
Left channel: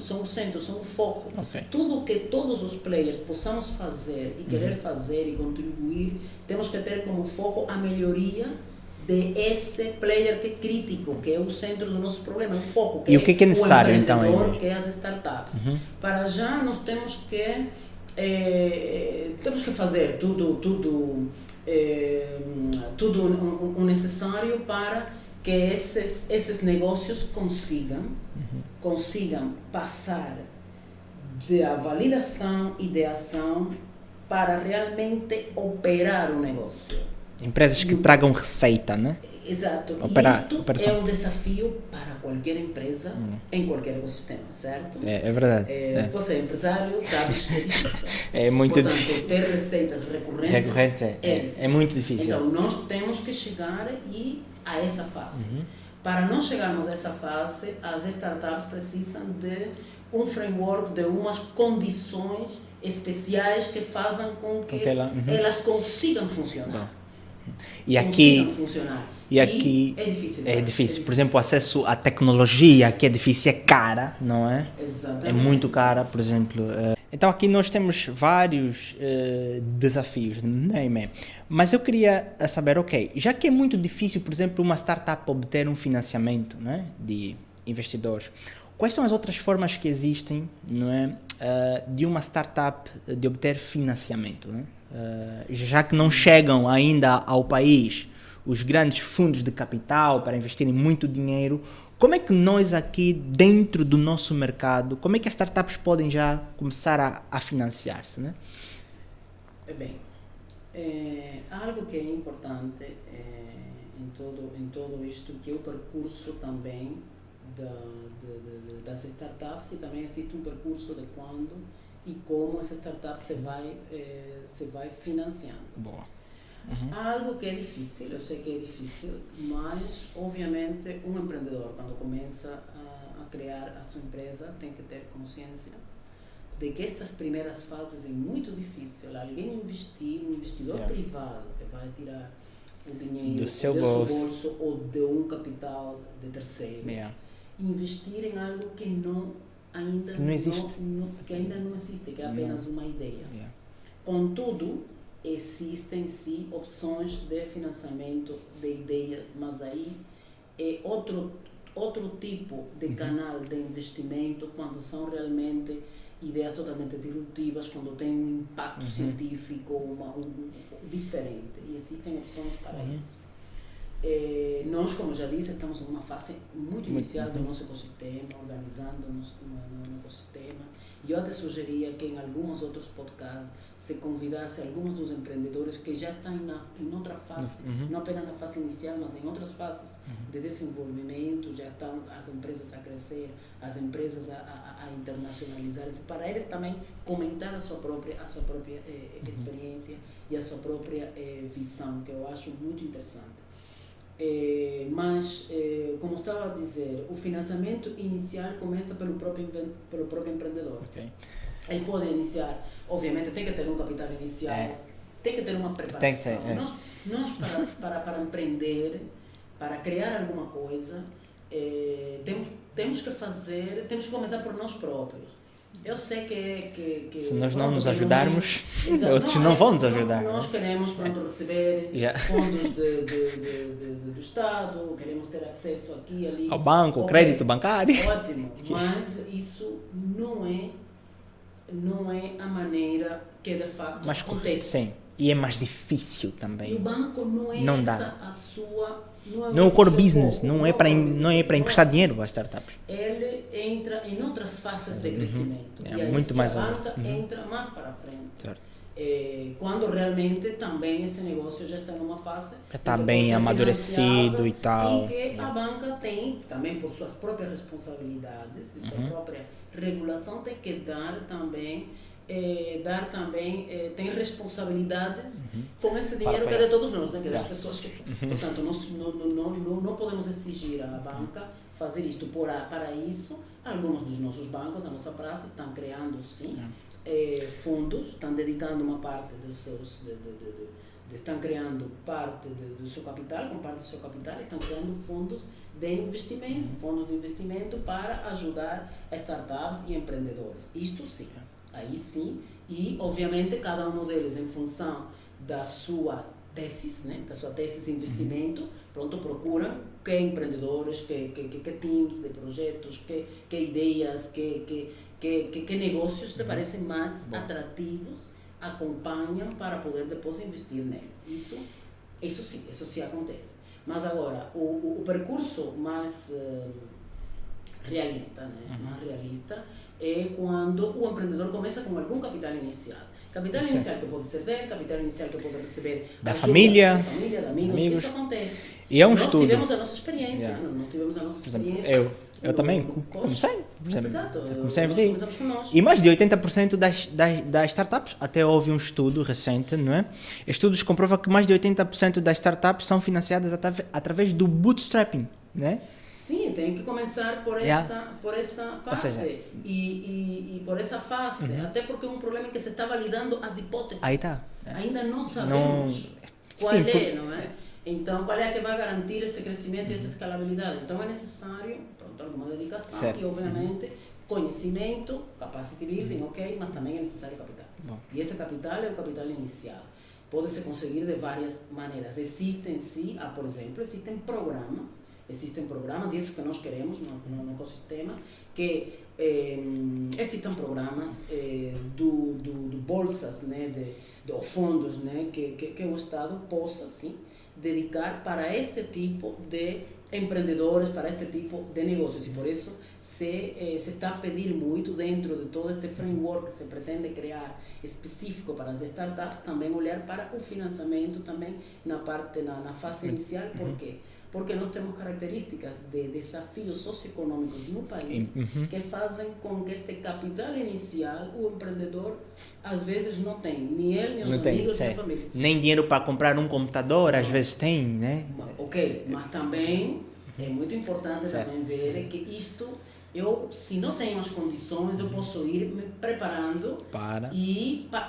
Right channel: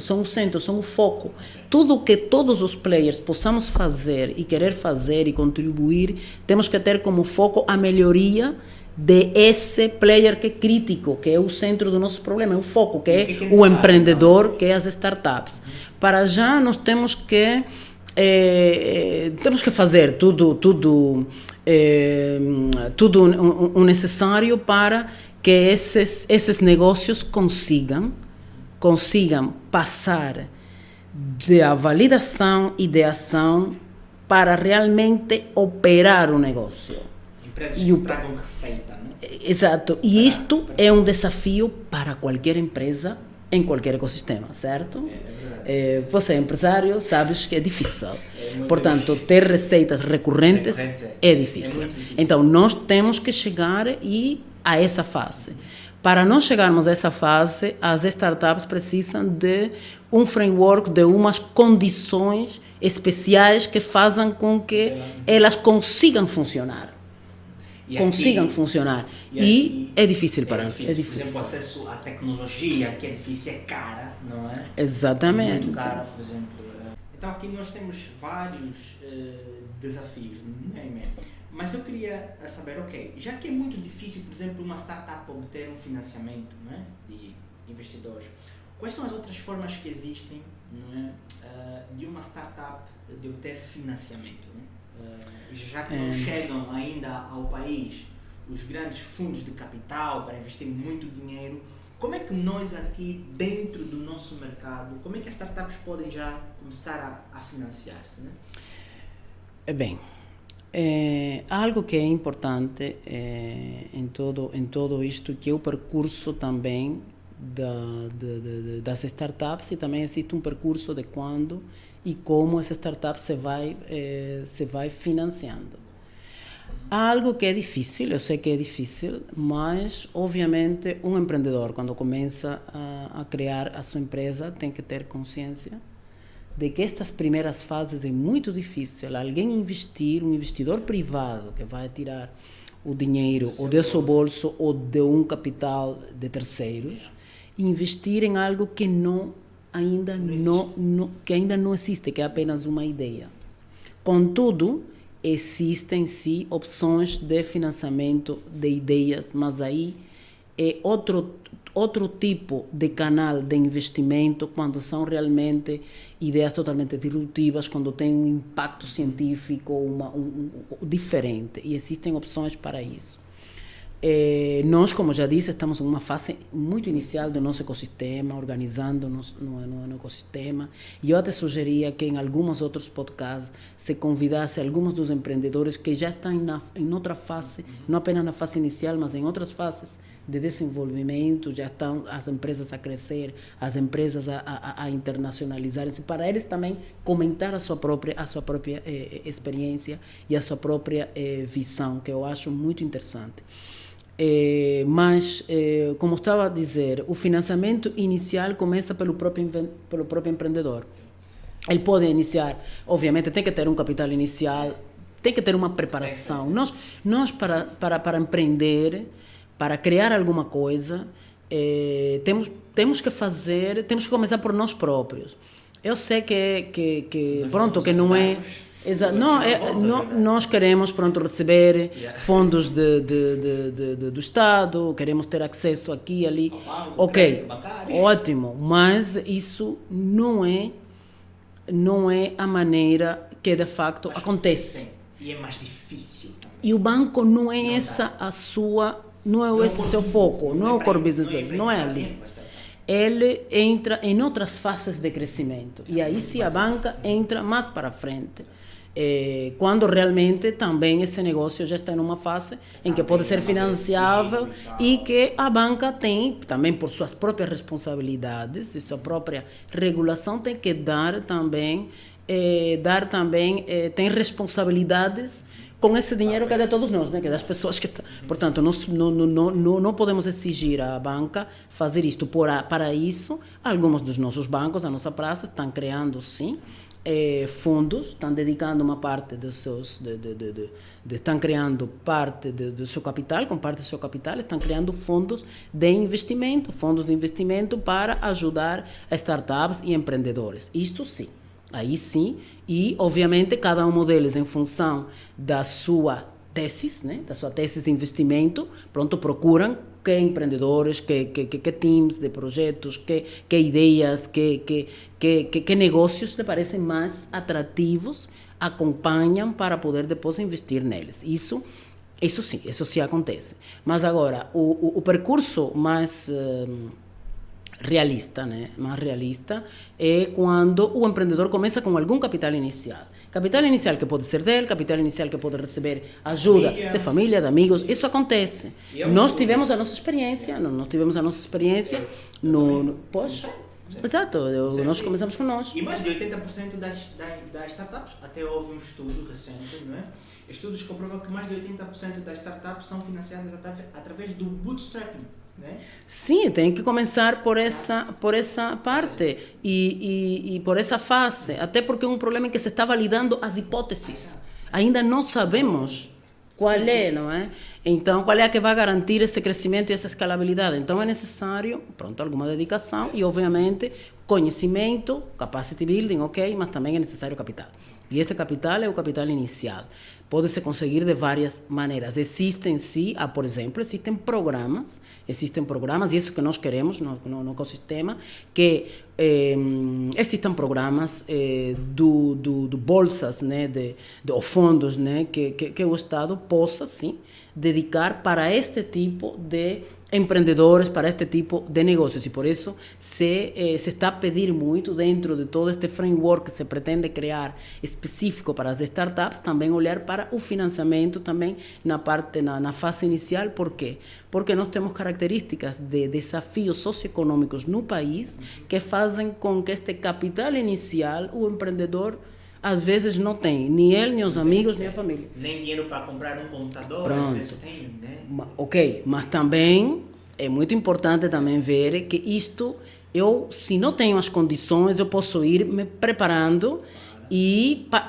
são o foco. Tudo o que todos os players possamos fazer e querer fazer e contribuir, temos que ter como foco a melhoria de esse player que é crítico, que é o centro do nosso problema, é o foco, que é o empreendedor, então, que é as startups. Para já nós temos que fazer tudo o necessário para que esses negócios consigam passar da validação e da ação para realmente operar o negócio. Empresas que tragam receita, né? Exato. E isto é um desafio para qualquer empresa em qualquer ecossistema, certo? É verdade. Você é empresário, sabes que é difícil. É muito Portanto, difícil. Ter receitas recorrentes é difícil. É muito difícil. Então, nós temos que chegar a essa fase. Para nós chegarmos a essa fase, as startups precisam de um framework, de umas condições especiais que façam com que elas consigam funcionar. E aqui é difícil para nós. Por exemplo, o acesso à tecnologia, que é difícil, é cara, não é? Exatamente. É muito cara, por exemplo. Então aqui nós temos vários desafios, não é? Mas eu queria saber, já que é muito difícil, por exemplo, uma startup obter um financiamento, né, de investidores, quais são as outras formas que existem, não é, de uma startup de obter financiamento, né? Já que não chegam ainda ao país os grandes fundos de capital para investirem muito dinheiro, como é que nós aqui, dentro do nosso mercado, como é que as startups podem já começar a financiar-se, né? Bem, algo que é importante em todo isto, que é o percurso também das startups, e também existe um percurso de quando e como essa startup se vai financiando. Boa. Há algo que é difícil, eu sei que é difícil, mas obviamente um empreendedor, quando começa a criar a sua empresa, tem que ter consciência de que estas primeiras fases é muito difícil. Alguém investir, um investidor privado que vai tirar o dinheiro ou do seu bolso ou de um capital de terceiros, investir em algo que ainda não existe, que é apenas uma ideia. Contudo, existem sim opções de financiamento de ideias, mas aí é outro tipo de canal de investimento, quando são realmente ideias totalmente disruptivas, quando tem um impacto científico diferente, e existem opções para isso. Nós, como já disse, estamos em uma fase muito inicial do nosso ecossistema, organizando-nos no ecossistema, e eu até sugeria que em alguns outros podcasts se convidasse alguns dos empreendedores que já estão em outra fase, não apenas na fase inicial, mas em outras fases de desenvolvimento, já estão as empresas a crescer, as empresas a internacionalizarem-se, para eles também comentar a sua própria experiência e a sua própria visão, que eu acho muito interessante. Mas, como estava a dizer, o financiamento inicial começa pelo próprio empreendedor. Okay. Ele pode iniciar, obviamente, tem que ter um capital inicial, tem que ter uma preparação. Nós para empreender, para criar alguma coisa, temos que começar por nós próprios. Eu sei que pronto, que não é exato, nós queremos receber fundos do Estado, queremos ter acesso aqui e ali ao banco, crédito bancário. Ótimo, mas isso não é a maneira que de facto acontece. Sim. E é mais difícil também. E o banco não é a sua... Não é o core business, não é para emprestar dinheiro às startups. Ele entra em outras fases de crescimento. E aí sim a banca entra mais para frente. Quando realmente também esse negócio já está em uma fase em que pode ser financiável e que a banca tem, também por suas próprias responsabilidades e sua própria regulação, tem que dar também... tem responsabilidades com esse dinheiro que é de todos nós, né? Que é das pessoas que... Portanto, nós não podemos exigir à banca fazer isto. Para isso, alguns dos nossos bancos, a nossa praça, estão criando, sim, fundos, estão dedicando uma parte dos seus... estão criando parte do seu capital, com parte do seu capital, estão criando fundos de investimento para ajudar as startups e empreendedores. Isto sim. Aí sim, e obviamente cada um deles, em função da sua tese, né, da sua tese de investimento, procuram que empreendedores, que teams de projetos, que ideias, que negócios lhe parecem mais atrativos, acompanham para poder depois investir neles. Isso sim acontece. Mas agora, o percurso mais... realista, né? Mais realista é quando o empreendedor começa com algum capital inicial. Capital inicial que pode ser dele, capital inicial que pode receber ajuda de família, de amigos. Isso acontece. E é nós tivemos a nossa experiência. Nós tivemos a nossa experiência. Eu também. Exato. Nós começamos com nós. E mais de 80% das startups, até houve um estudo recente, não é? Estudos comprovam que mais de 80% das startups são financiadas através do bootstrapping, né? Sim, tem que começar por essa parte e por essa fase, até porque é um problema em que se está validando as hipóteses. Aí tá. Ainda não sabemos qual não é? Então, qual é a que vai garantir esse crescimento e essa escalabilidade? Então, é necessário, alguma dedicação e, obviamente, conhecimento, capacity building, mas também é necessário capital. E este capital é o capital inicial. Pode-se conseguir de várias maneiras. Existem, sim, por exemplo, existem programas, e isso que nós queremos no ecossistema, que existem programas do bolsas, né, ou fundos, né, que o Estado possa, sim, dedicar para este tipo de empreendedores, para este tipo de negócios. E por isso se está a pedir muito, dentro de todo este framework que se pretende criar específico para as startups, também olhar para o financiamento também na fase inicial. Por quê? Porque nós temos características de desafios socioeconômicos no país que fazem com que este capital inicial o empreendedor às vezes não tem, nem ele, nem os amigos, nem a família. Nem dinheiro para comprar um computador, às vezes tem, né? Ok, mas também é muito importante também ver que isto, se não tenho as condições, eu posso ir me preparando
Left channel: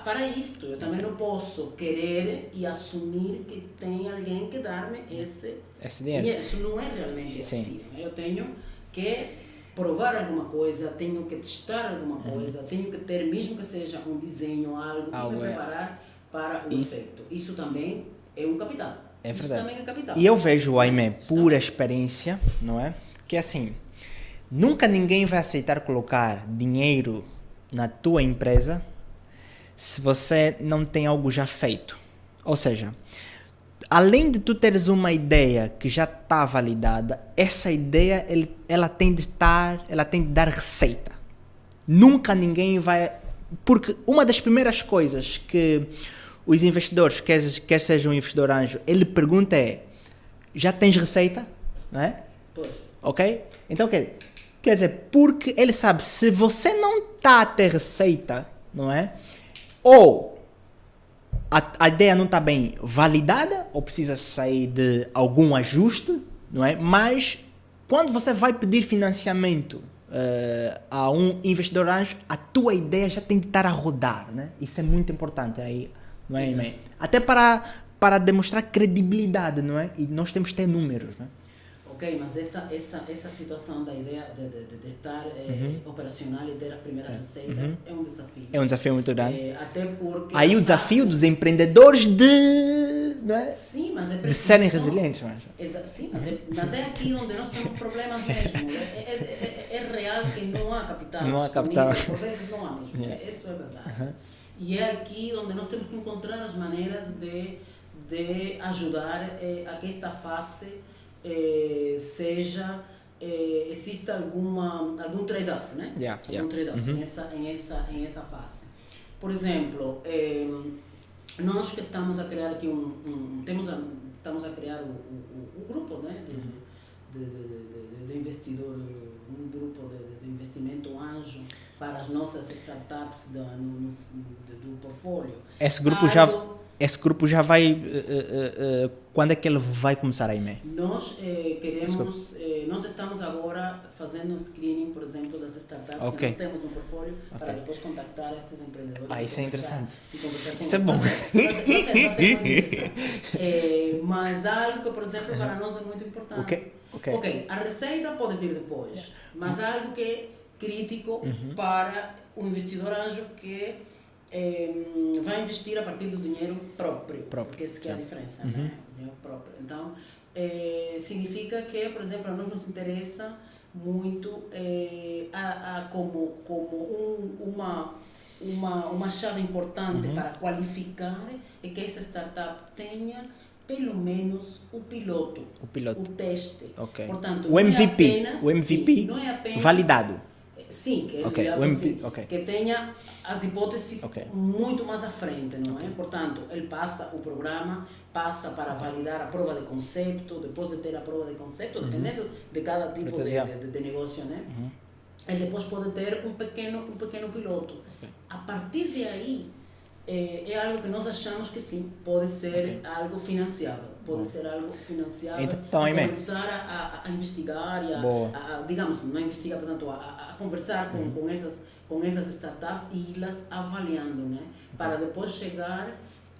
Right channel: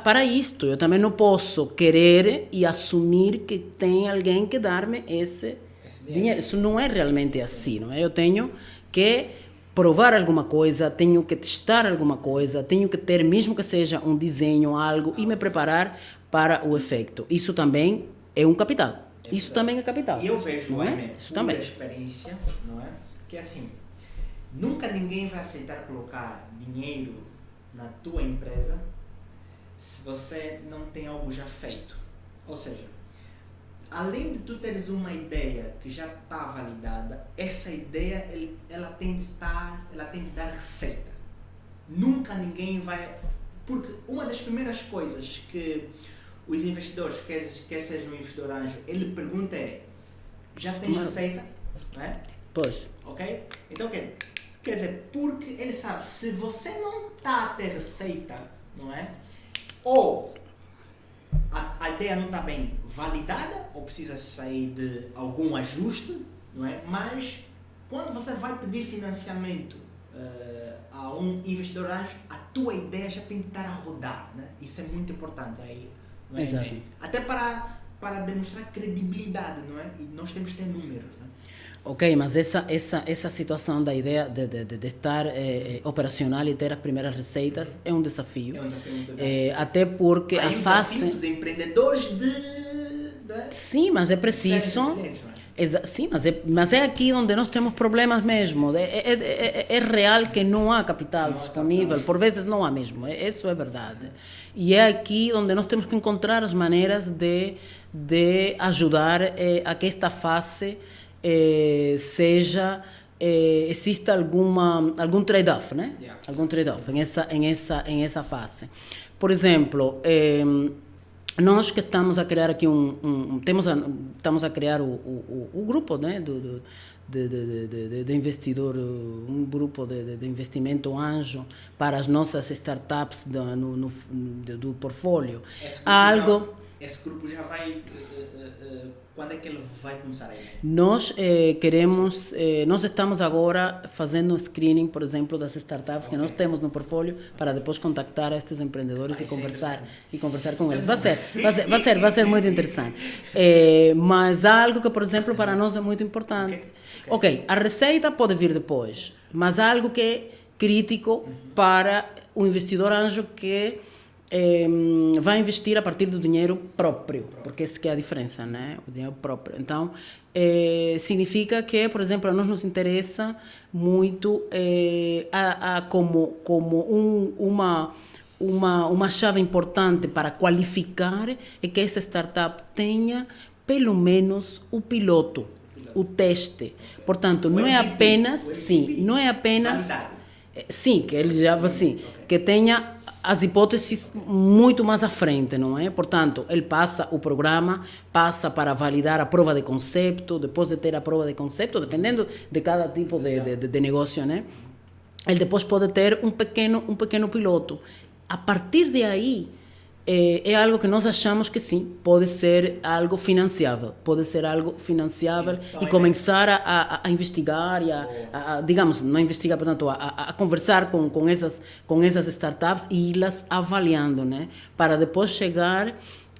para isto. Eu também não posso querer e assumir que tem alguém que dar-me esse dinheiro. Isso não é realmente assim, não é? Eu tenho que provar alguma coisa, tenho que testar alguma coisa, tenho que ter, mesmo que seja um desenho, algo, e me preparar para o efeito. Isso também é um capital. Isso também é capital. E eu vejo, Aimé, pura experiência, não é? Que assim, nunca ninguém vai aceitar colocar dinheiro na tua empresa se você não tem algo já feito. Ou seja, além de tu teres uma ideia que já está validada, essa ideia ela tem de dar receita. Nunca ninguém vai... Porque uma das primeiras coisas que os investidores, quer seja um investidor anjo, ele pergunta é: já tens receita? Não é? Pois. Ok? Então, quer dizer, porque ele sabe, se você não está a ter receita, não é? Ou a ideia não está bem validada, ou precisa sair de algum ajuste, não é? Mas quando você vai pedir financiamento a um investidor anjo, a tua ideia já tem que estar a rodar, né? Isso é muito importante aí, não é? Exato. Até para demonstrar credibilidade, não é? E nós temos que ter números, né? Ok, mas essa situação da ideia de estar operacional e ter as primeiras receitas é um desafio. É um desafio muito grande. Até porque aí o desafio dos empreendedores não é? Sim, mas é preciso... serem resilientes. Sim, mas é aqui onde nós temos problemas mesmo. É real que não há capital disponível. Por vezes não há mesmo. Isso é verdade. E é aqui onde nós temos que encontrar as maneiras de ajudar a que esta fase... exista algum trade-off, né? Algum trade-off em essa fase. Por exemplo, nós que estamos a criar aqui estamos a criar o grupo, né, de investidor, um grupo de investimento anjo para as nossas startups do portfólio. Esse grupo já vai... quando é que ele vai começar aí, né? Nós nós estamos agora fazendo screening, por exemplo, das startups que nós temos no portfólio, para depois contactar estes empreendedores e conversar com eles. Vai ser muito interessante. Mas algo que, por exemplo, para nós é muito importante. Ok, a receita pode vir depois, mas algo que é crítico para o investidor anjo que vai investir a partir do dinheiro próprio, porque essa que é a diferença, né? O dinheiro próprio. Então, significa que, por exemplo, a nós nos interessa muito como uma chave importante para qualificar é que essa startup tenha pelo menos o piloto, o teste. Portanto, não é apenas... O MVP não é apenas... validado. Sim, que ele já que tenha as hipóteses muito mais à frente, não é? Portanto, ele passa o programa, passa para validar a prova de conceito, depois de ter a prova de conceito, dependendo de cada tipo de negócio, né? Ele depois pode ter um pequeno piloto. A partir de aí, é algo que nós achamos que sim, pode ser algo financiável. Pode ser algo financiável e começar a investigar e digamos, não investigar, portanto, a conversar com essas startups e ir-las avaliando, né? Para depois chegar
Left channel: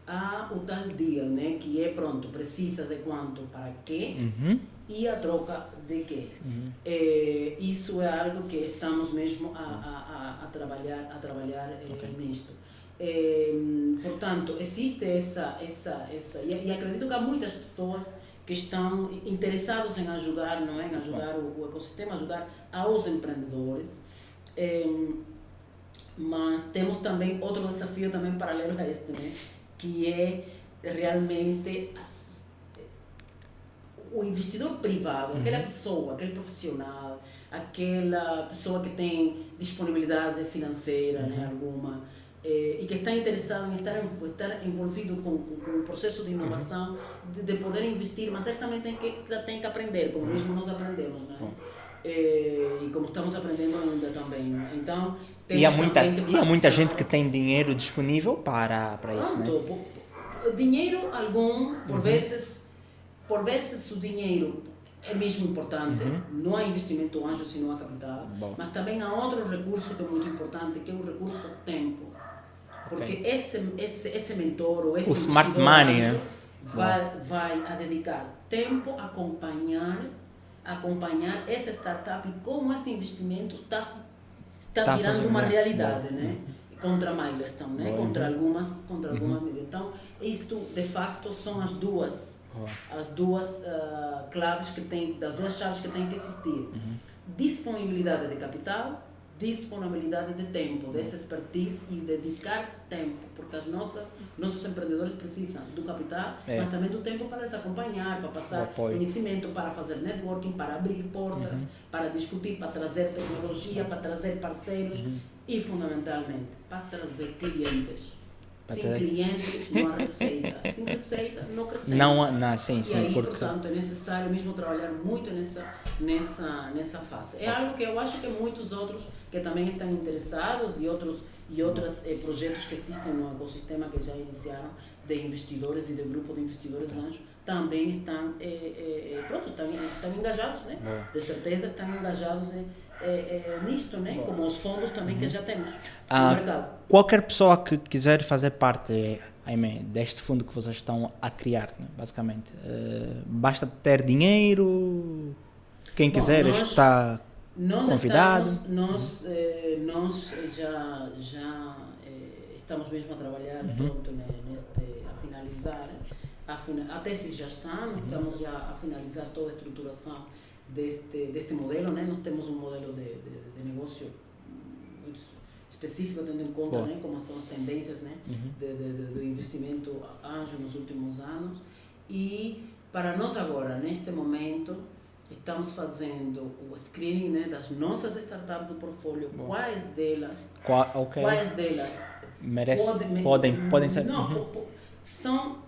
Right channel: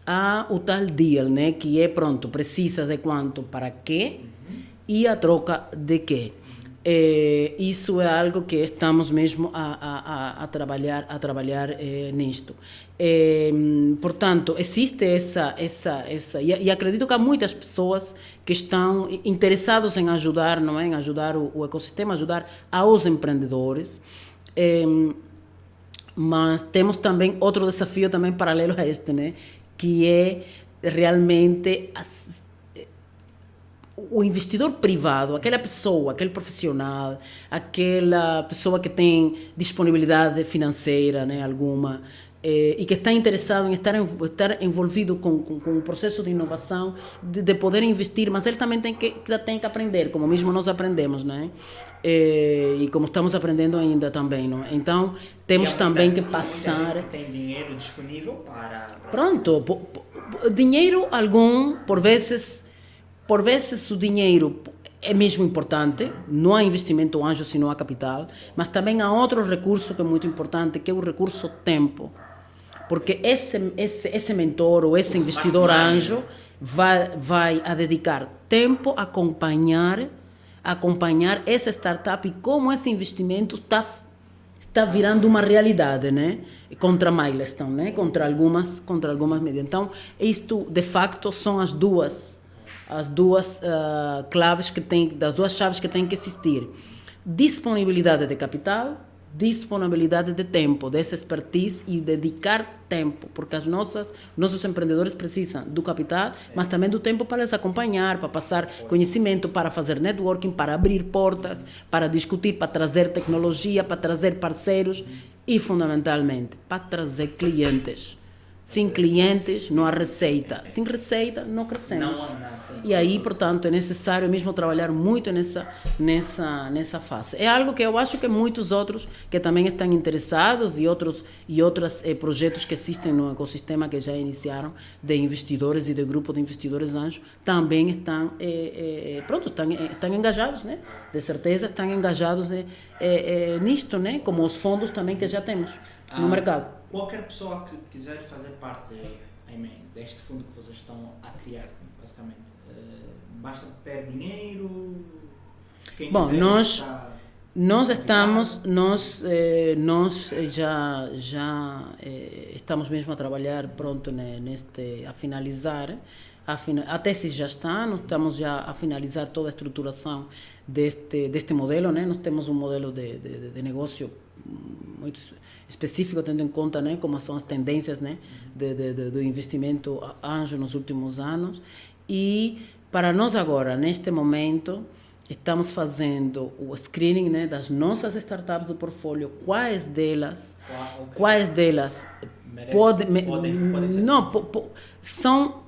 há o tal deal, né? Que é pronto, precisa de quanto para quê e a troca de quê. Isso é algo que estamos mesmo a trabalhar nisto. Portanto, existe essa e acredito que há muitas pessoas que estão interessados em ajudar, não é? Em ajudar o ecossistema, ajudar aos empreendedores. Mas temos também outro desafio também paralelo a este, né? Que é realmente o investidor privado, aquela pessoa, aquele profissional, aquela pessoa que tem disponibilidade financeira, né, alguma, e que está interessado em estar envolvido com um processo de inovação, de poder investir, mas ele também tem que aprender, como mesmo nós aprendemos, né? E como estamos aprendendo ainda também, não é? Então temos também que passar... Há muita gente que tem dinheiro disponível para pronto, isso, né? Dinheiro algum, por vezes o dinheiro é mesmo importante, não há investimento anjo se não há capital, mas também há outro recurso que é muito importante, que é o recurso tempo. Porque esse mentor ou esse investidor anjo vai a dedicar tempo a acompanhar essa startup e como esse investimento está virando uma realidade, né? Contra milestone, né? Contra algumas medidas. Então, isto de facto são as duas claves das duas chaves que têm que existir. Disponibilidade de capital, disponibilidade de tempo, dessa expertise e dedicar tempo, porque nossos empreendedores precisam do capital, mas também do tempo para les acompanhar, para passar conhecimento, para fazer networking, para abrir portas, para discutir, para trazer tecnologia, para trazer parceiros e, fundamentalmente, para trazer clientes. Sem clientes, não há receita. Sem receita, não crescemos. E aí, portanto, é necessário mesmo trabalhar muito nessa fase. É algo que eu acho que muitos outros que também estão interessados e outros projetos que existem no ecossistema que já iniciaram de investidores e de grupo de investidores anjos também estão engajados, né? De certeza estão engajados nisto, né? Como os fundos também que já temos no mercado. Qualquer pessoa que quiser fazer parte deste fundo que vocês estão a criar, né, basicamente, basta ter dinheiro, quem quiser está convidado. Nós já estamos mesmo a trabalhar pronto a finalizar, a tese já está, nós estamos já a finalizar toda a estruturação deste modelo, né? Nós temos um modelo de negócio muito específico, tendo em conta, né, como são as tendências, né, do investimento anjo nos últimos anos. E para nós agora, neste momento, estamos fazendo o screening, né, das nossas startups do portfólio. Quais delas podem ser? Não, são,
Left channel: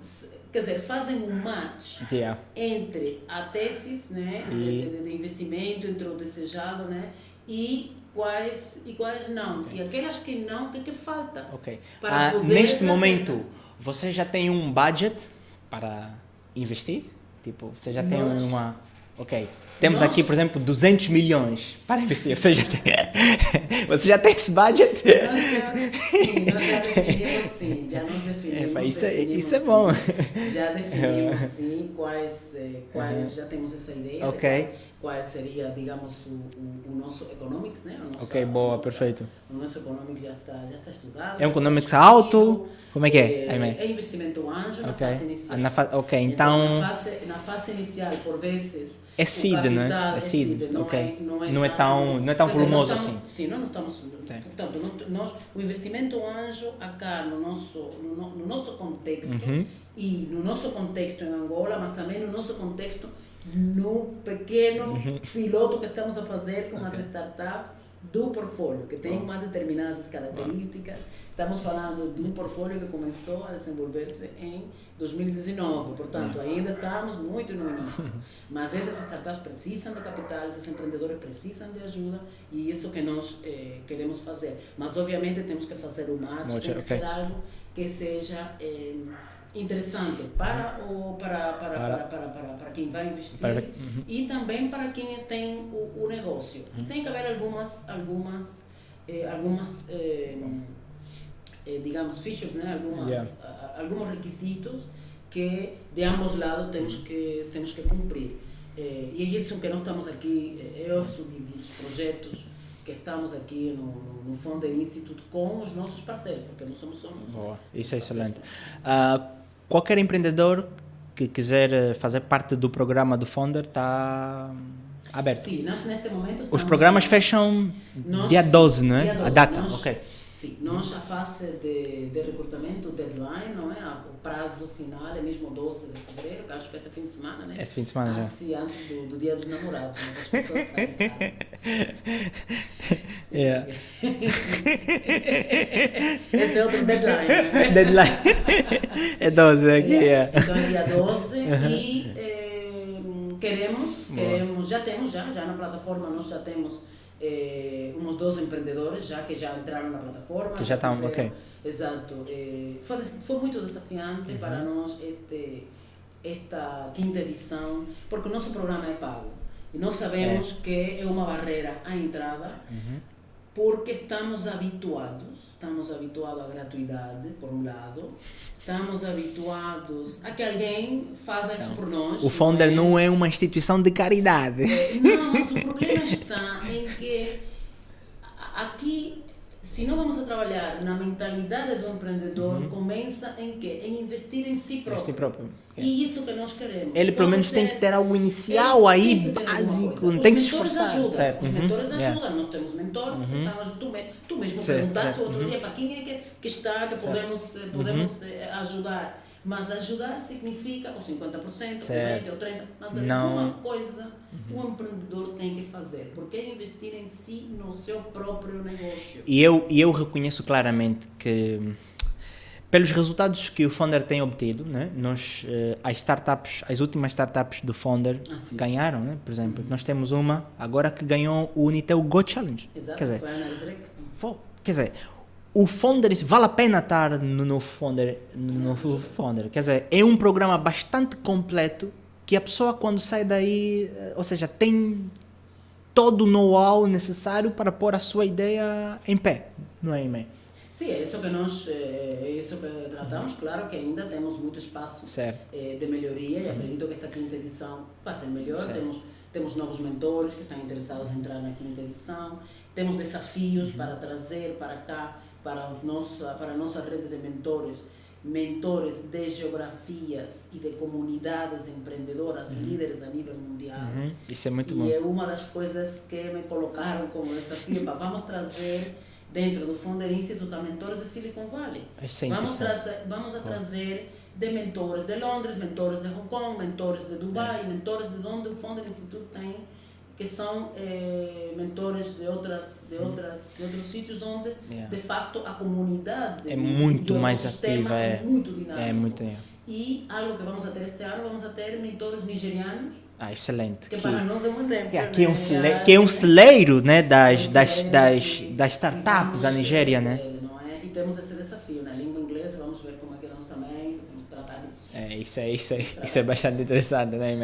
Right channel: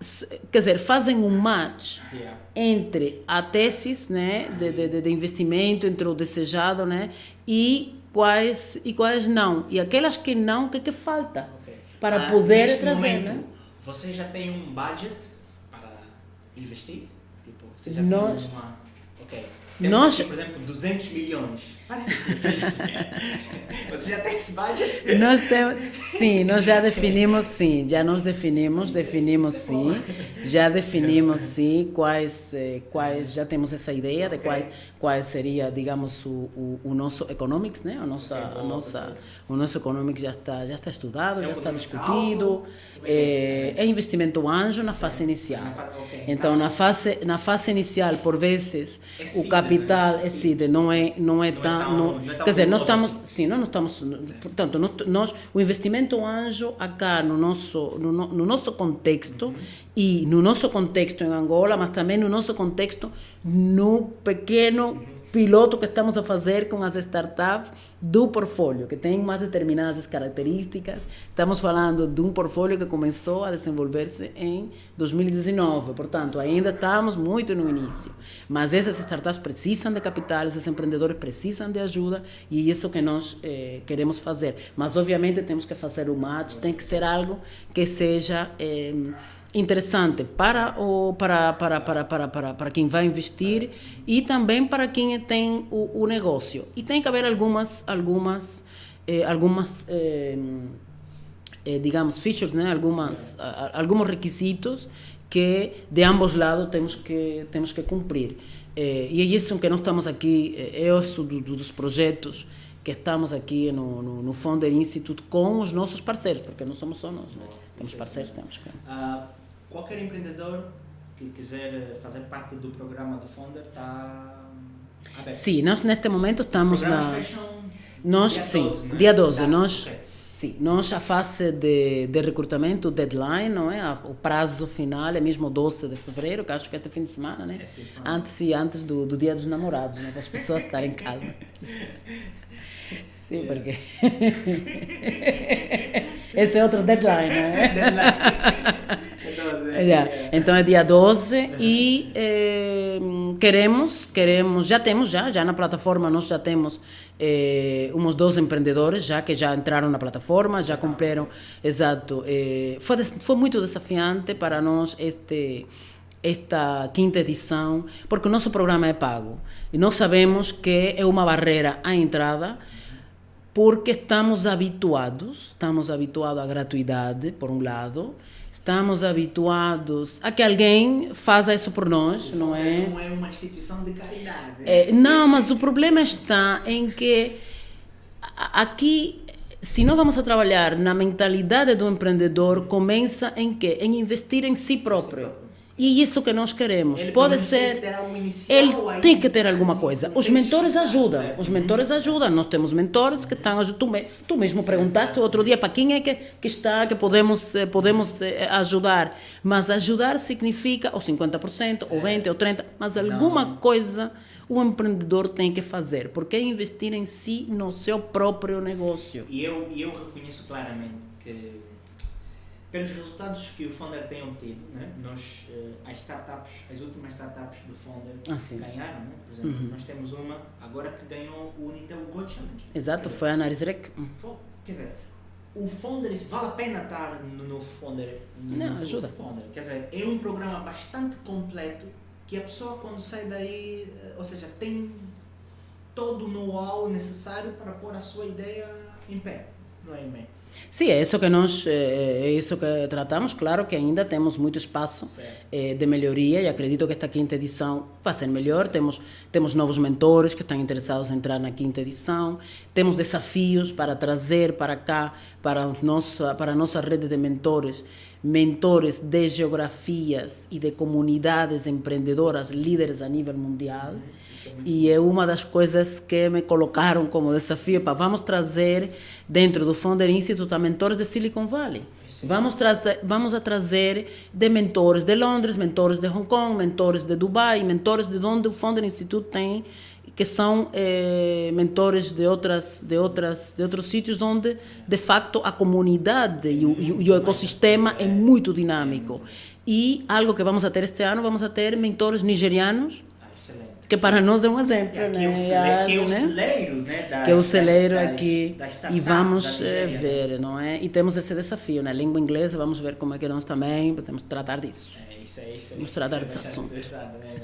quer dizer, fazem um match entre a tese, né, de investimento, entre o desejado, né, e quais não. E aquelas que não, o que falta? Para poder neste trazer, momento, né? você já tem um budget para investir? Tipo, você já tem uma... Temos aqui, por exemplo, 200 milhões para investir. Você já tem esse budget? Nós já definimos, sim. Isso é bom. Já definimos, sim, quais já temos essa ideia de quais seria, digamos, o nosso economics, né? Perfeito. O nosso economics já está estudado. É um economics alto? Como é que é? É investimento anjo na fase inicial. Então na fase inicial, por vezes, o capital é seed, não é tão quer dizer, nós estamos, assim. Sim, nós não estamos, portanto, nós o investimento anjo acá no nosso contexto e no nosso contexto em Angola, mas também no nosso contexto no pequeno piloto que estamos a fazer com as startups do portfólio, que tem mais determinadas características. Estamos falando de um portfólio que começou a desenvolver-se em 2019, portanto, ainda estamos muito no início. Mas essas startups precisam de capital, esses empreendedores precisam de ajuda e é isso que nós queremos fazer. Mas, obviamente, temos que fazer o match, tem que ser algo que seja... interessante para quem vai investir e também para quem tem o negócio. E tem que haver algumas digamos, features, né? Alguns requisitos que de ambos lados temos que cumprir. E é isso que nós estamos aqui, é isso dos projetos que estamos aqui no Founder Institute com os nossos parceiros, porque não somos só nós. Boa, isso é excelente. Qualquer empreendedor que quiser fazer parte do programa do Founder está aberto? Sim, nós neste momento estamos... Os programas fecham dia 12, não é? Dia 12. Okay. Sim, nós a fase de recrutamento, o deadline, não é? O prazo final é mesmo 12 de fevereiro, que acho que é até fim de semana, né? Esse fim de semana, antes do dia dos namorados, né? As pessoas estarem em casa. Esse é outro deadline, né? Deadline. É 12, né? Yeah. Então é dia 12 e queremos, já na plataforma nós já temos uns 12 empreendedores que já entraram na plataforma, já cumpriram. Okay. Exato. Foi muito desafiante para nós esta quinta edição, porque o nosso programa é pago. E nós sabemos que é uma barreira à entrada, porque estamos habituados à gratuidade, por um lado, estamos habituados a que alguém faça isso por nós. O Founder não é uma instituição de caridade. Não, mas o problema está em que aqui, se nós vamos a trabalhar na mentalidade do empreendedor, começa em quê? Em investir em si próprio. E isso que nós queremos. Ele pode ser, tem que ter algo inicial aí. Tem que ter alguma coisa. Os mentores ajudam. Certo. Os mentores ajudam. Nós temos mentores que estão ajudando. Tu mesmo perguntaste outro dia para quem é que podemos ajudar. Mas ajudar significa ou 50%, ou 20%, ou 30%, mas alguma coisa o empreendedor tem que fazer, porque é investir em si, no seu próprio negócio. E eu reconheço claramente que, pelos resultados que o Founder tem obtido, né, as últimas startups do Founder ganharam, né? Por exemplo, nós temos uma agora que ganhou o Unitel Go Challenge. Exato, foi a Análise Rec. Quer dizer, o Founder, vale a pena estar no Founder, Founder. Quer dizer, é um programa bastante completo que a pessoa quando sai daí, ou seja, tem todo o know-how necessário para pôr a sua ideia em pé, não é, Imé? Sim, é isso que tratamos. Claro que ainda temos muito espaço de melhoria e acredito que esta quinta edição vai ser melhor. Temos novos mentores que estão interessados em entrar na quinta edição. Temos desafios para trazer para cá, para a nossa rede de mentores de geografias e de comunidades empreendedoras, líderes a nível mundial. Isso é muito bom. E é uma das coisas que me colocaram como desafio para vamos trazer dentro do Founder Institute a mentores de Silicon Valley. Vamos a trazer de mentores de Londres, mentores de Hong Kong, mentores de Dubai, mentores de onde o Founder Institute tem, que são mentores de outros sítios onde, de facto, a comunidade e o ecossistema é muito dinâmico. E algo que vamos a ter este ano, vamos a ter mentores nigerianos. Excelente. Que para nós é um exemplo. Que é um celeiro, né, das startups da Nigéria. Não é? E temos esse desafio na língua inglesa, vamos ver como é que nós também podemos tratar disso. Isso é bastante interessante, né?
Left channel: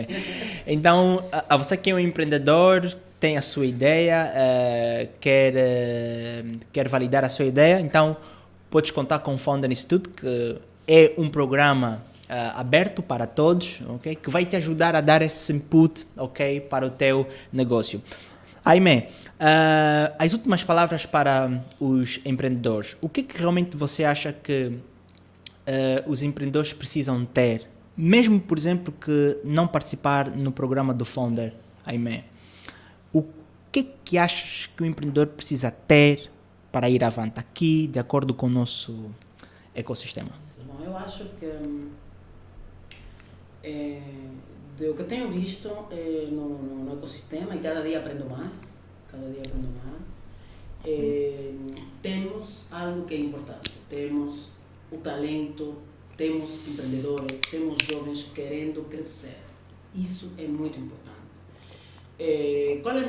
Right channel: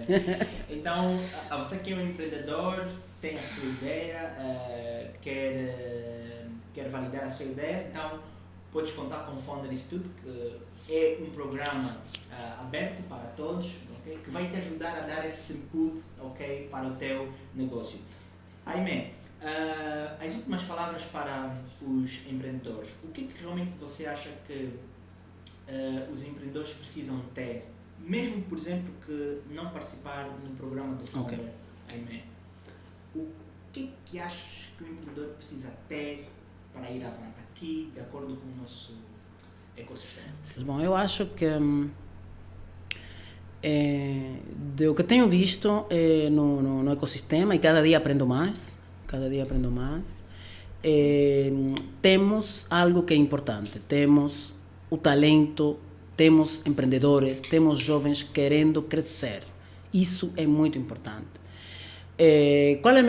Então, a você que é um empreendedor, tem a sua ideia, quer validar a sua ideia, então podes contar com o Founder Institute, que é um programa aberto para todos, okay? Que vai te ajudar a dar esse input, okay, para o teu negócio. Aimé, as últimas palavras para os empreendedores. O que realmente você acha que os empreendedores precisam ter, mesmo, por exemplo, que não participar no programa do Founder, Aimé? O que achas que o empreendedor precisa ter para ir avante aqui, de acordo com o nosso ecossistema? Bom, eu acho que do que tenho visto no ecossistema, e cada dia aprendo mais, temos algo que é importante. Temos o talento, temos empreendedores, temos jovens querendo crescer. Isso é muito importante. Qual é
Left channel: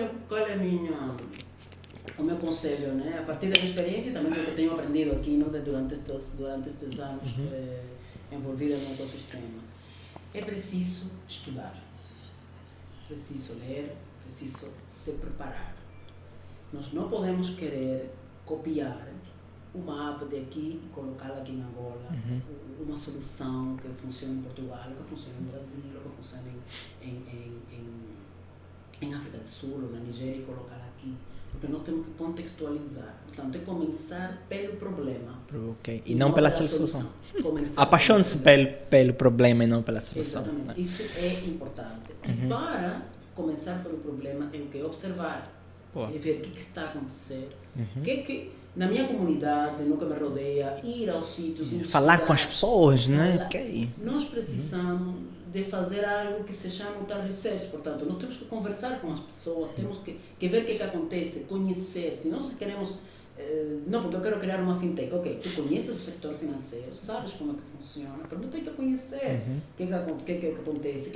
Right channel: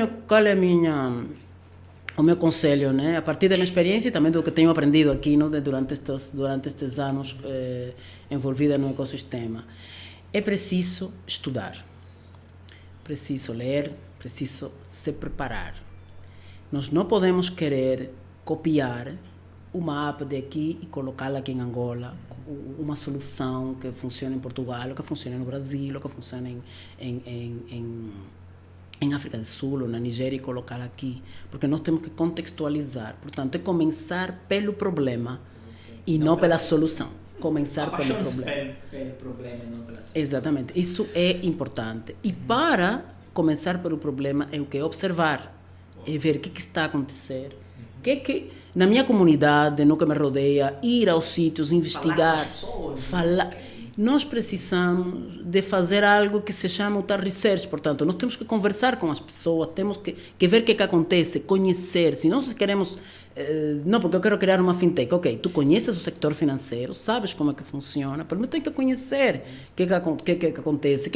o meu conselho, né? A partir da minha experiência e também do que tenho aprendido aqui, né? durante estes anos envolvida no ecossistema, é preciso estudar, preciso ler, preciso se preparar. Nós não podemos querer copiar uma app daqui e colocá-la aqui em Angola, uma solução que funciona em Portugal, ou que funciona no Brasil, ou que funciona em África do Sul ou na Nigéria e colocar aqui, porque nós temos que contextualizar. Portanto, é começar pelo problema e não pela solução. Apaixone-se pelo problema e não pela solução. Exatamente. Isso é importante. E para começar pelo problema é o que? Observar. É ver o que está a acontecer. Que na minha comunidade, no que me rodeia, ir aos sítios, investigar. Falar com as pessoas, né? Nós precisamos de fazer algo que se chama o tal research. Portanto, nós temos que conversar com as pessoas, temos que ver o que acontece, conhecer. Se nós queremos... não, porque eu quero criar uma fintech. Ok, tu conheces o sector financeiro, sabes como é que funciona, mas tem que conhecer o que acontece,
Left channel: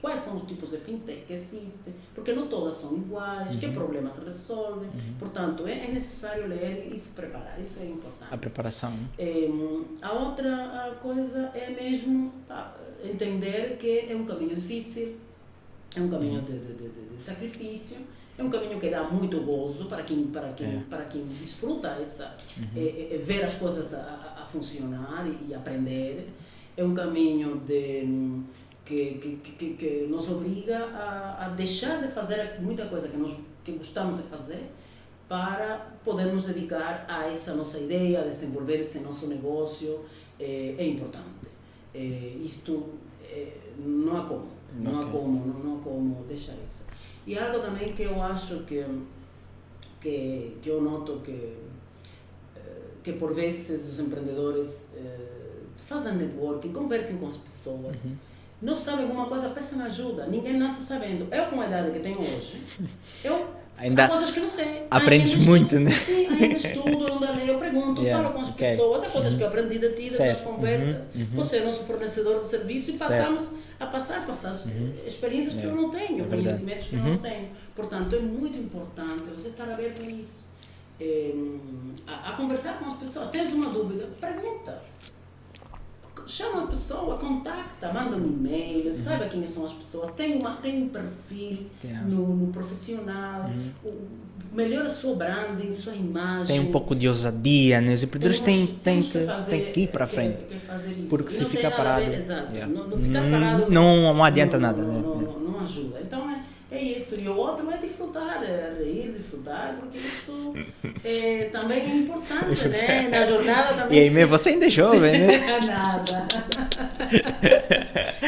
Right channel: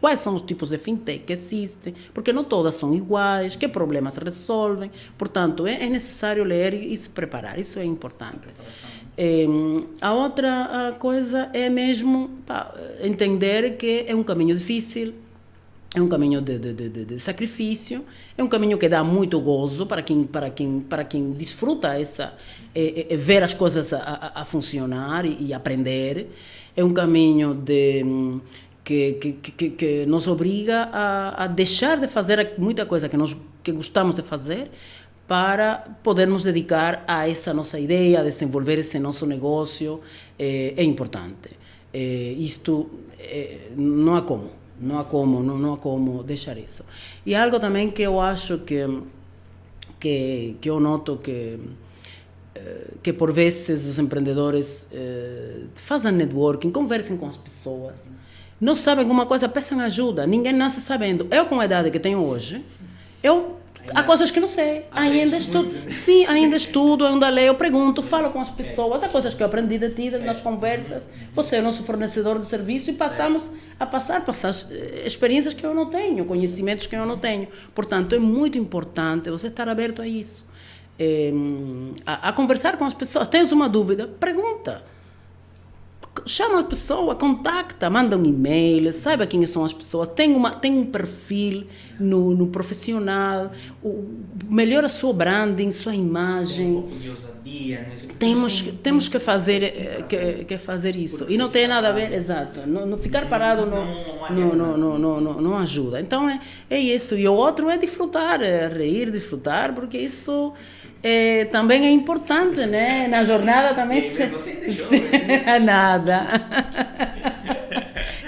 quais são os tipos de fintech que existem, porque não todas são iguais, que problemas resolvem. Portanto, é necessário ler e se preparar. Isso é importante. A preparação. A outra coisa é mesmo entender que é um caminho difícil, é um caminho de sacrifício, é um caminho que dá muito gozo para quem desfruta ver as coisas a funcionar e aprender. É um caminho que nos obriga a deixar de fazer muita coisa que gostamos de fazer para podermos dedicar a essa nossa ideia, a desenvolver esse nosso negócio. É importante. Isto não há como. Não há como deixar isso. E algo também que eu acho que eu noto que por vezes os empreendedores fazem networking, conversem com as pessoas. Não sabem alguma coisa, peçam ajuda. Ninguém nasce sabendo. Eu, com a idade que tenho hoje, há coisas que não sei. Aprendes muito, né? Sim, ainda estudo, ainda leio, pergunto, falo com as pessoas. Há coisas que eu aprendi de ti, das conversas. Você é nosso fornecedor de serviço e passamos a passar experiências que eu não tenho, conhecimentos que eu não tenho. Portanto, é muito importante você estar aberto a isso. A conversar com as pessoas. Tens uma dúvida? Pergunta. Chama a pessoa, contacta, manda um e-mail, saiba quem são as pessoas, tem um perfil no profissional, melhora a sua branding, sua imagem. Tem um pouco de ousadia, né? Os empreendedores temos que fazer isso. Porque e não tem nada a ver, exato. Não ficar parado não adianta nada. Não ajuda. Então é isso. E o outro é desfrutar, rir, desfrutar, porque isso também é importante, né? Na jornada também. E aí, você ainda é jovem, né? Nada.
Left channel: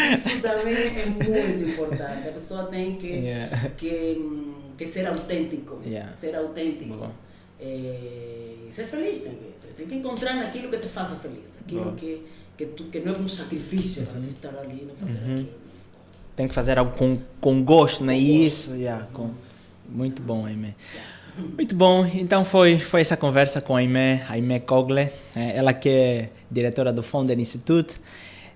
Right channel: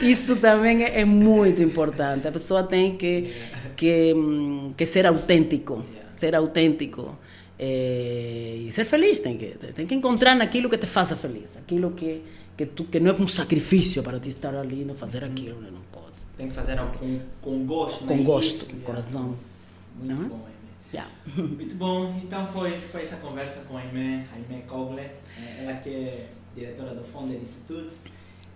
Isso também é muito importante. A pessoa tem que ser autêntico. Ser autêntico. E ser feliz. Tem que encontrar naquilo que te faça feliz. Aquilo que não é um sacrifício para te estar ali e não fazer aquilo. Não pode. Tem que fazer algo com gosto, né? Isso. Muito bom, Aimé. Muito bom. Então foi essa conversa com a Aimé Cogle. Ela que é diretora do Founder Institute.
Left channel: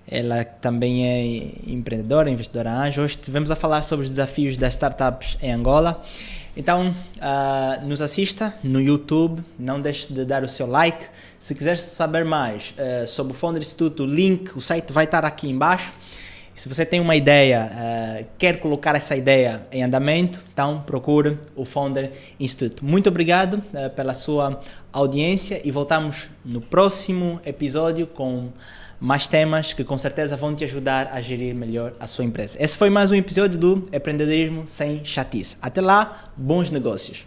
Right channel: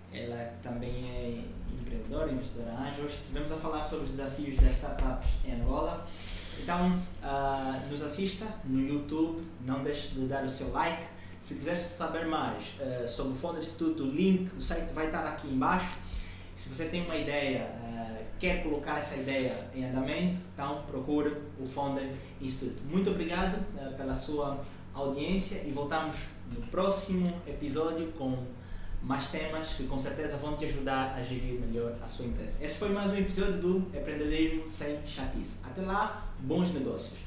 Ela também é empreendedora, investidora anjo. Hoje estivemos a falar sobre os desafios das startups em Angola. Então, nos assista no YouTube. Não deixe de dar o seu like. Se quiser saber mais sobre o Founder Institute, o site vai estar aqui embaixo. Se você tem uma ideia, quer colocar essa ideia em andamento, então procure o Founder Institute. Muito obrigado pela sua audiência e voltamos no próximo episódio com mais temas que com certeza vão te ajudar a gerir melhor a sua empresa. Esse foi mais um episódio do Empreendedorismo Sem Chatice. Até lá, bons negócios!